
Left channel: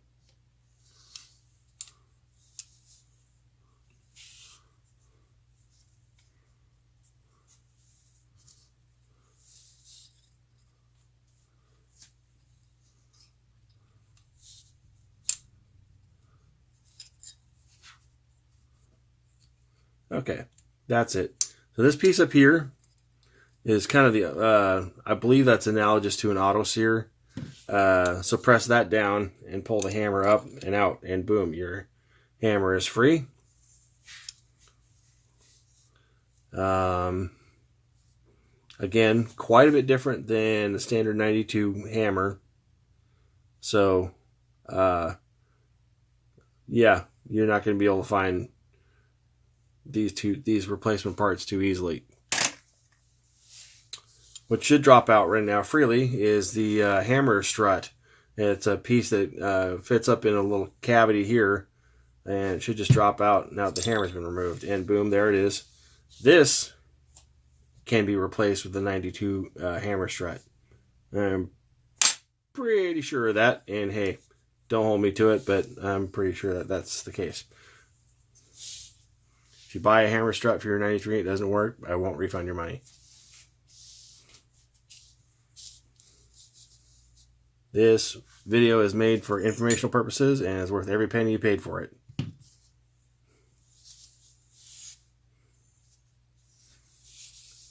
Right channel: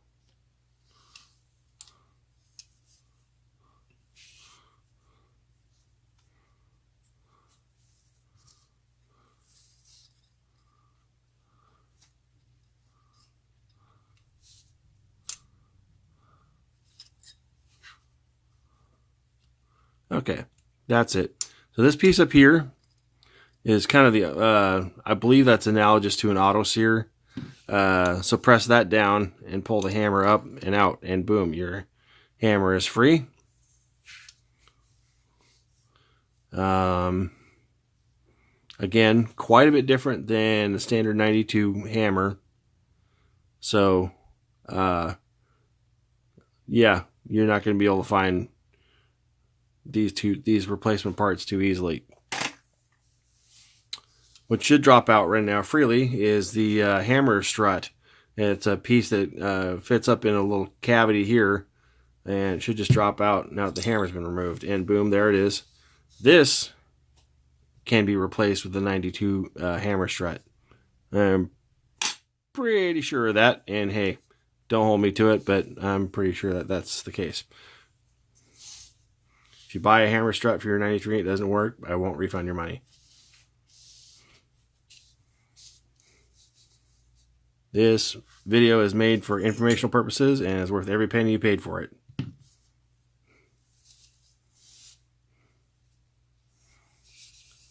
Okay, that's it. So this piece up here is kind of the, I believe that's analogous to an auto sear. So press that down and pull the hammer up and out, and boom, your hammer is free. Again, quite a bit different than the standard 92 hammer. So, yeah, you're not going to be able to find these replacement parts too easily. What should drop out right now freely is the hammer strut. It's a piece that fits up in a little cavity here, and it should just drop out now that the hammer's been removed. And boom, there it is. This can be replaced with the 92 hammer strut. I'm pretty sure of that, and hey, don't hold me to it, but I'm pretty sure that that's the case. If you buy a hammer strut for your 93 and it doesn't work, I won't refund your money. This video is made for informational purposes and is worth every penny you paid for it.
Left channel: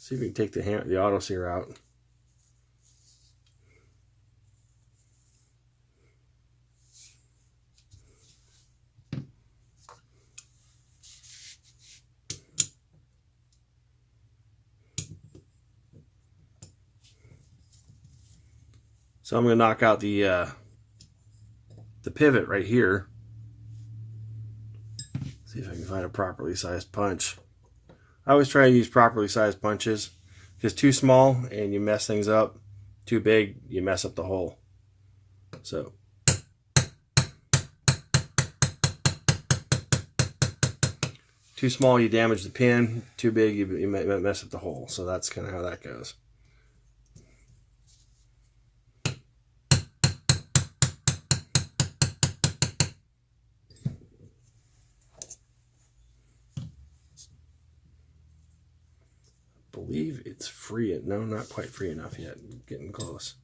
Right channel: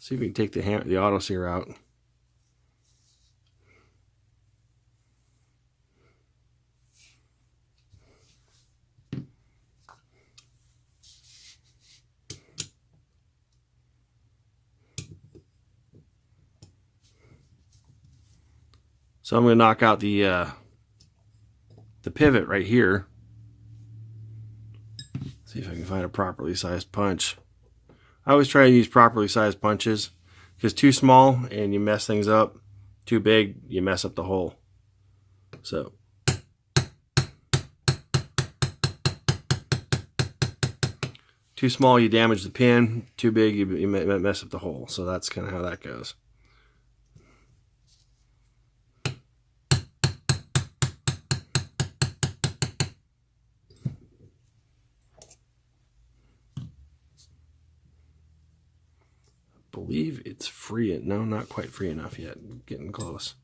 See if we can take the auto sear out. So I'm going to knock out the pivot right here. See if I can find a properly sized punch. I always try to use properly sized punches, because too small and you mess things up, too big you mess up the hole. So too small you damage the pin, too big you mess up the hole. So that's kind of how that goes. Believe it's free. No, not quite free enough yet. Getting close.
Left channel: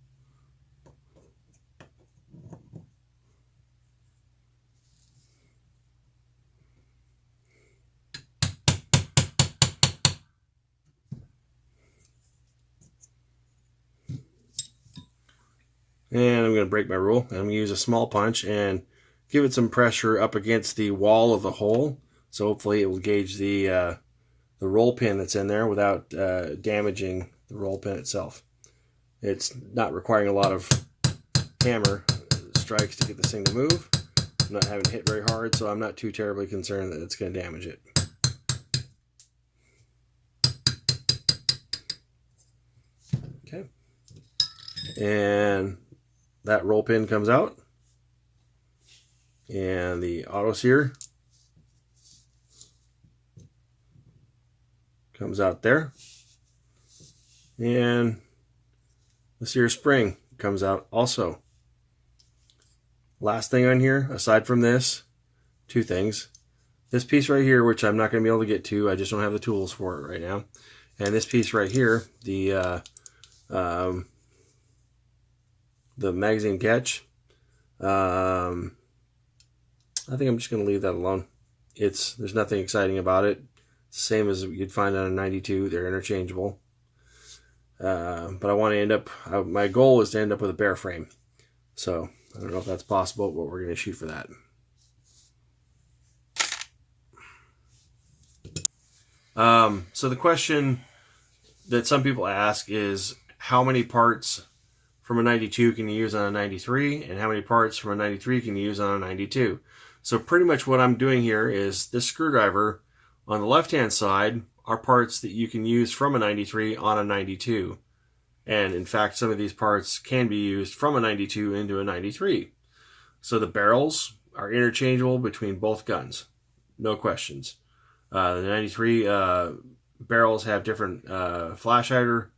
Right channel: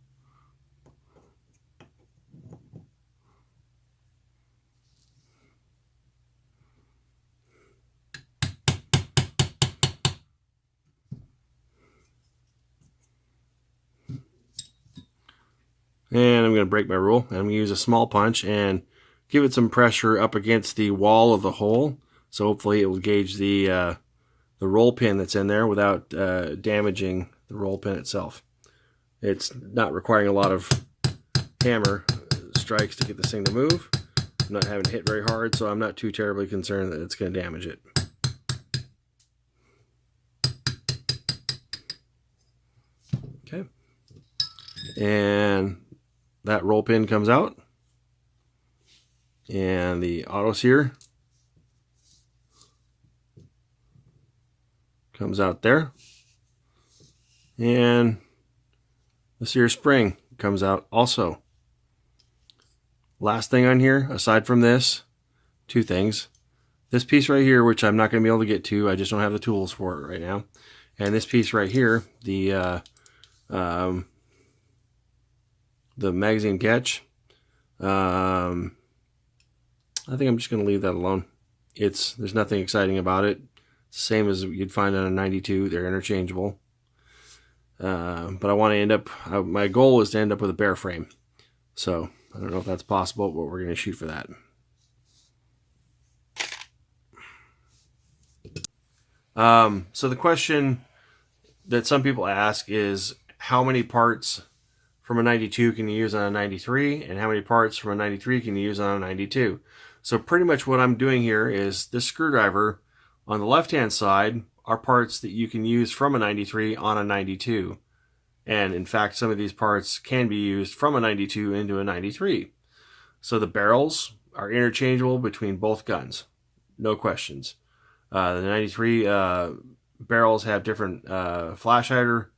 And I'm going to break my rule. I'm going to use a small punch and give it some pressure up against the wall of the hole. So hopefully it will gauge the roll pin that's in there without damaging the roll pin itself. It's not requiring a lot of hammer strikes to get this thing to move. I'm not having to hit very hard, so I'm not too terribly concerned that it's going to damage it. Okay. And that roll pin comes out. And the auto sear comes out there, and the sear spring comes out also. Last thing on here, aside from this, two things. This piece right here, which I'm not going to be able to get to, I just don't have the tools for it right now. And this piece right here, the magazine catch, I think I'm just going to leave that alone. There's nothing exciting about it. Same as you'd find on a 92. They're interchangeable. But I want to end up, my goal is to end up with a bare frame. So I don't know if that's possible, but we're going to shoot for that. So the question that some people ask is, how many parts from a 92 can you use on a 93, and how many parts from a 93 can you use on a 92? So pretty much what I'm doing here is this screwdriver on the left-hand side are parts that you can use from a 93 on a 92. And in fact, some of these parts can be used from a 92 into a 93. So the barrels are interchangeable between both guns. No questions. The 93 barrels have different flash hider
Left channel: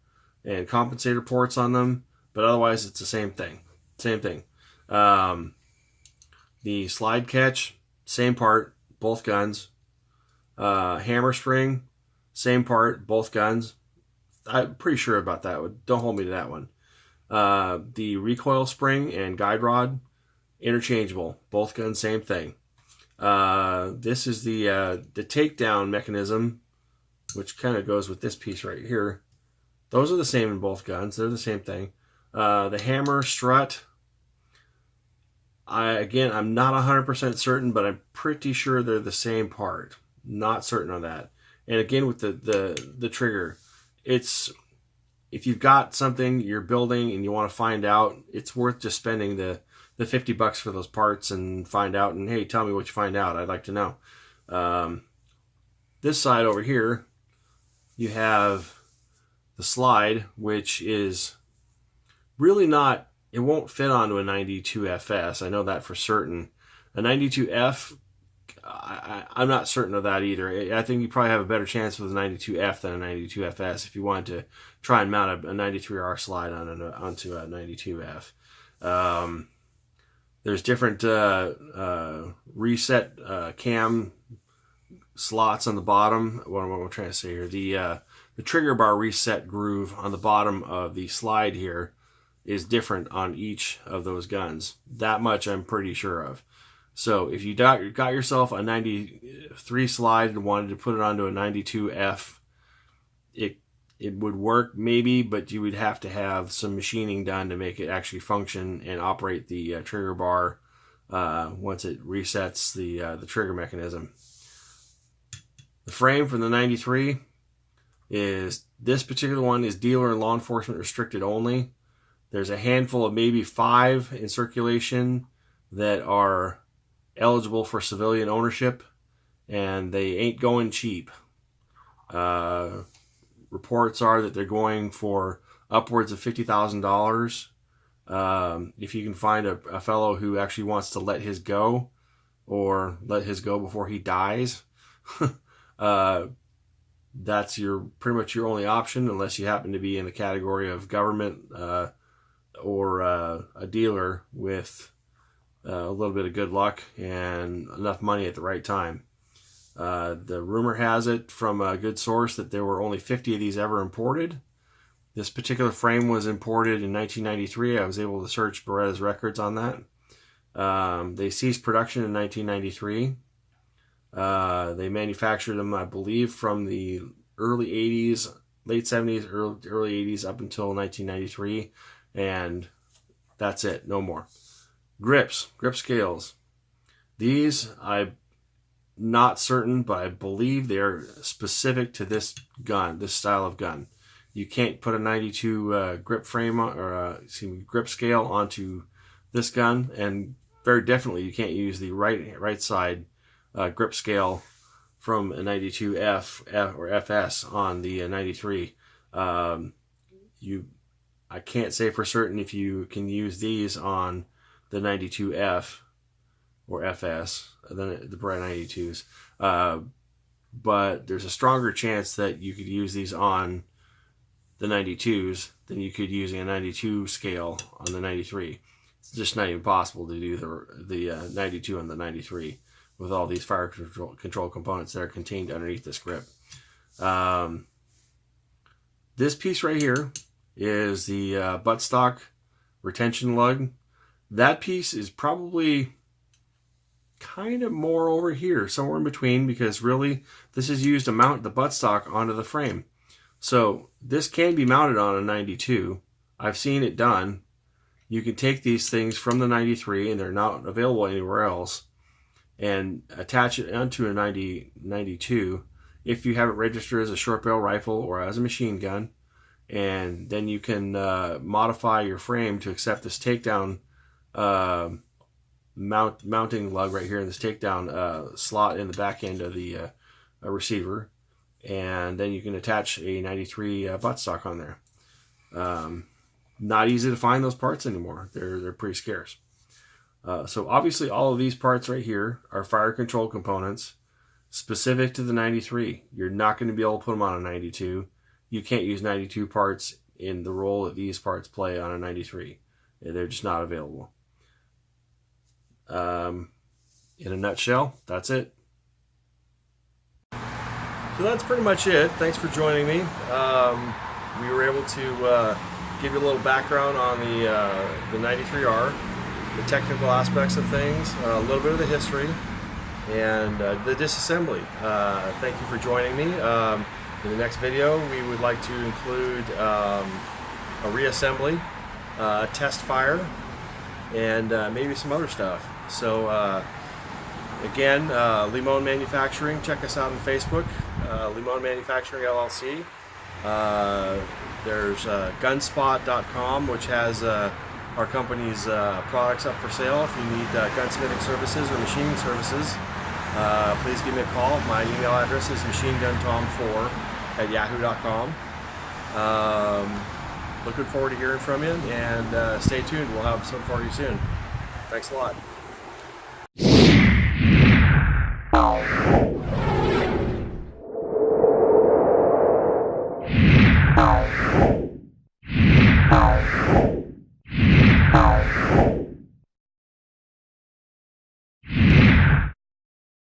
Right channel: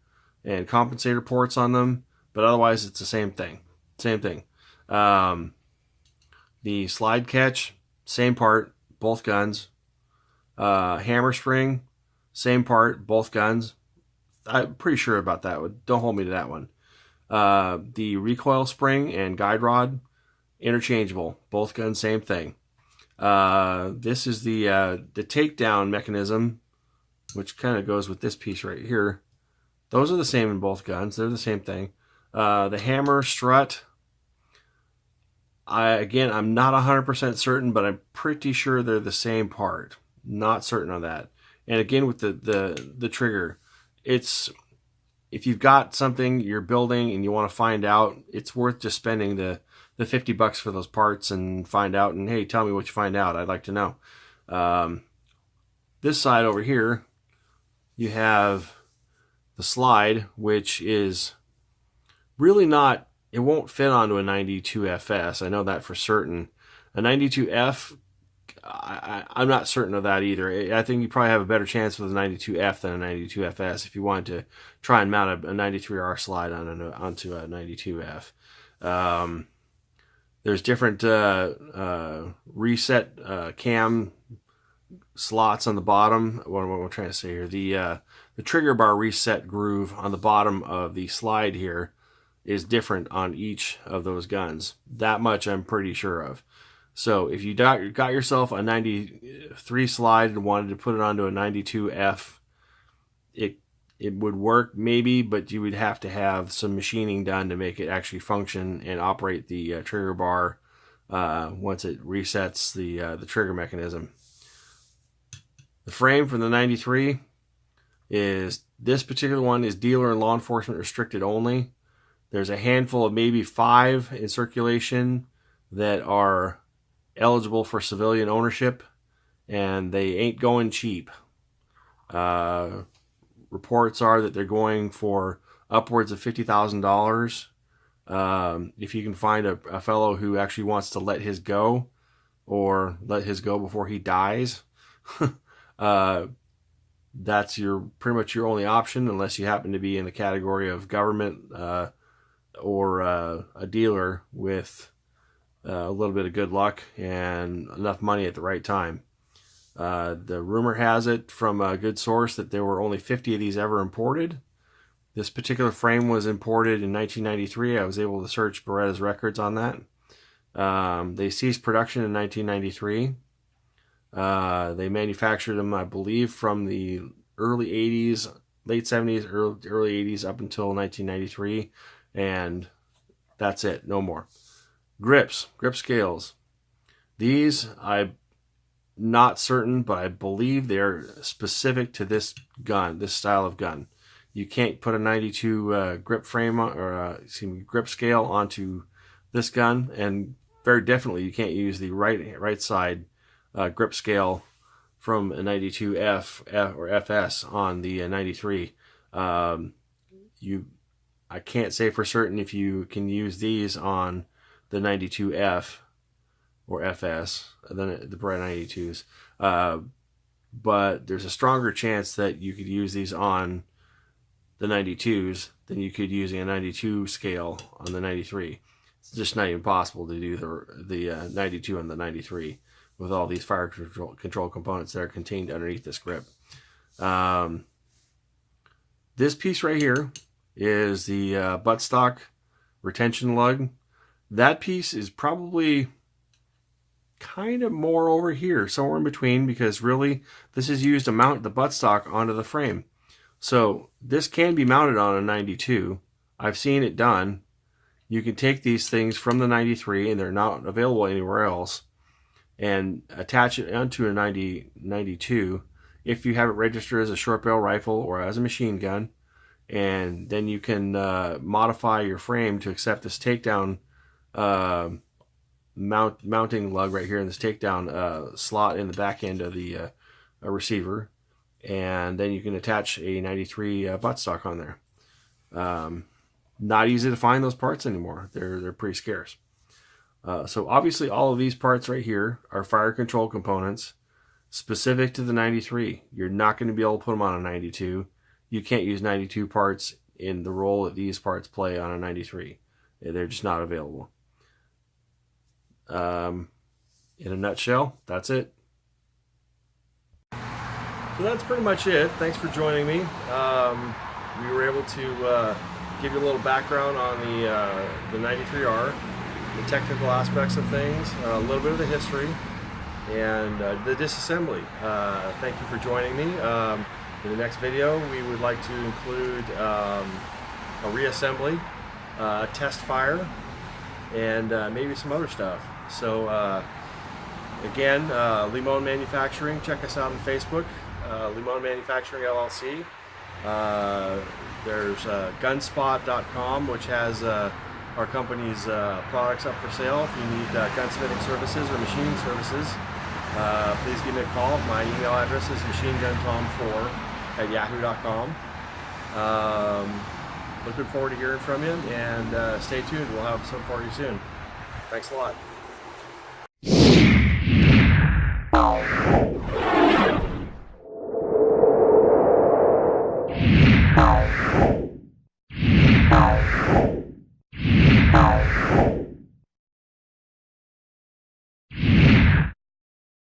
and compensator ports on them, but otherwise it's the same thing. The slide catch, same part, both guns. Hammer spring, same part, both guns. I'm pretty sure about that one. Don't hold me to that one. The recoil spring and guide rod, interchangeable. Both guns, same thing. This is the takedown mechanism, which kind of goes with this piece right here. Those are the same in both guns. They're the same thing. The hammer strut, I'm not 100% certain, but I'm pretty sure they're the same part. Not certain on that. And again, with the trigger, if you've got something you're building and you want to find out, it's worth just spending the $50 for those parts and find out. And hey, tell me what you find out. I'd like to know. This side over here, you have the slide, which is really not, it won't fit onto a 92 FS. I know that for certain. A 92F, I'm not certain of that either. I think you probably have a better chance with a 92F than a 92 FS if you wanted to try and mount a 93R slide onto a 92F. There's different reset cam slots on the bottom. What am I trying to say here? The trigger bar reset groove on the bottom of the slide here is different on each of those guns. That much I'm pretty sure of. So if you got yourself a 93 slide and wanted to put it onto a 92F, it would work maybe, but you would have to have some machining done to make it actually function and operate the trigger bar once it resets the trigger mechanism. The frame from the 93 is, this particular one is dealer and law enforcement restricted only. There's a handful of maybe 5 in circulation that are eligible for civilian ownership, and they ain't going cheap. Reports are that they're going for upwards of $50,000. If you can find a fellow who actually wants to let his go, or let his go before he dies, that's pretty much your only option, unless you happen to be in the category of government or a dealer with a little bit of good luck and enough money at the right time. The rumor has it from a good source that there were only 50 of these ever imported. This particular frame was imported in 1993. I was able to search Beretta's records on that. They ceased production in 1993. They manufactured them, I believe, from the early 80s, late 70s, early 80s up until 1993. And that's it. No more. Grip scales. These, I'm not certain, but I believe they're specific to this gun, this style of gun. You can't put a 92 grip frame or grip scale onto this gun, and very definitely you can't use the right side grip scale from a 92F or FS on the 93. I can't say for certain if you can use these on the 92F or FS, the Beretta 92s. But there's a stronger chance that you could use these on the 92s than you could using a 92 scale on the 93. It's just not even possible to do the 92 on the 93 with all these fire control components that are contained underneath this grip. This piece right here is the buttstock retention lug. That piece is probably kind of more over here, somewhere in between, because really this is used to mount the buttstock onto the frame. So this can be mounted on a 92. I've seen it done. You can take these things from the 93, and they're not available anywhere else, and attach it onto a 92 if you have it registered as a short barrel rifle or as a machine gun. And then you can modify your frame to accept this takedown mounting lug right here in this takedown slot in the back end of the receiver, and then you can attach a 93 buttstock on there. Not easy to find those parts anymore. They're pretty scarce. So obviously all of these parts right here are fire control components specific to the 93. You're not going to be able to put them on a 92. You can't use 92 parts in the role that these parts play on a 93. They're just not available. In a nutshell, that's it. So that's pretty much it. Thanks for joining me. We were able to give you a little background on the 93R, the technical aspects of things, a little bit of the history, and the disassembly. Thank you for joining me. In the next video, we would like to include a reassembly, test fire, and maybe some other stuff. So again, Limon Manufacturing, check us out on Facebook, Limon Manufacturing LLC. There's gunspot.com, which has our company's products up for sale. If you need gunsmithing services or machining services, please give me a call. My email address is machineguntom4@yahoo.com. Looking forward to hearing from you, and stay tuned. We'll have some for you soon. Thanks a lot. Ow.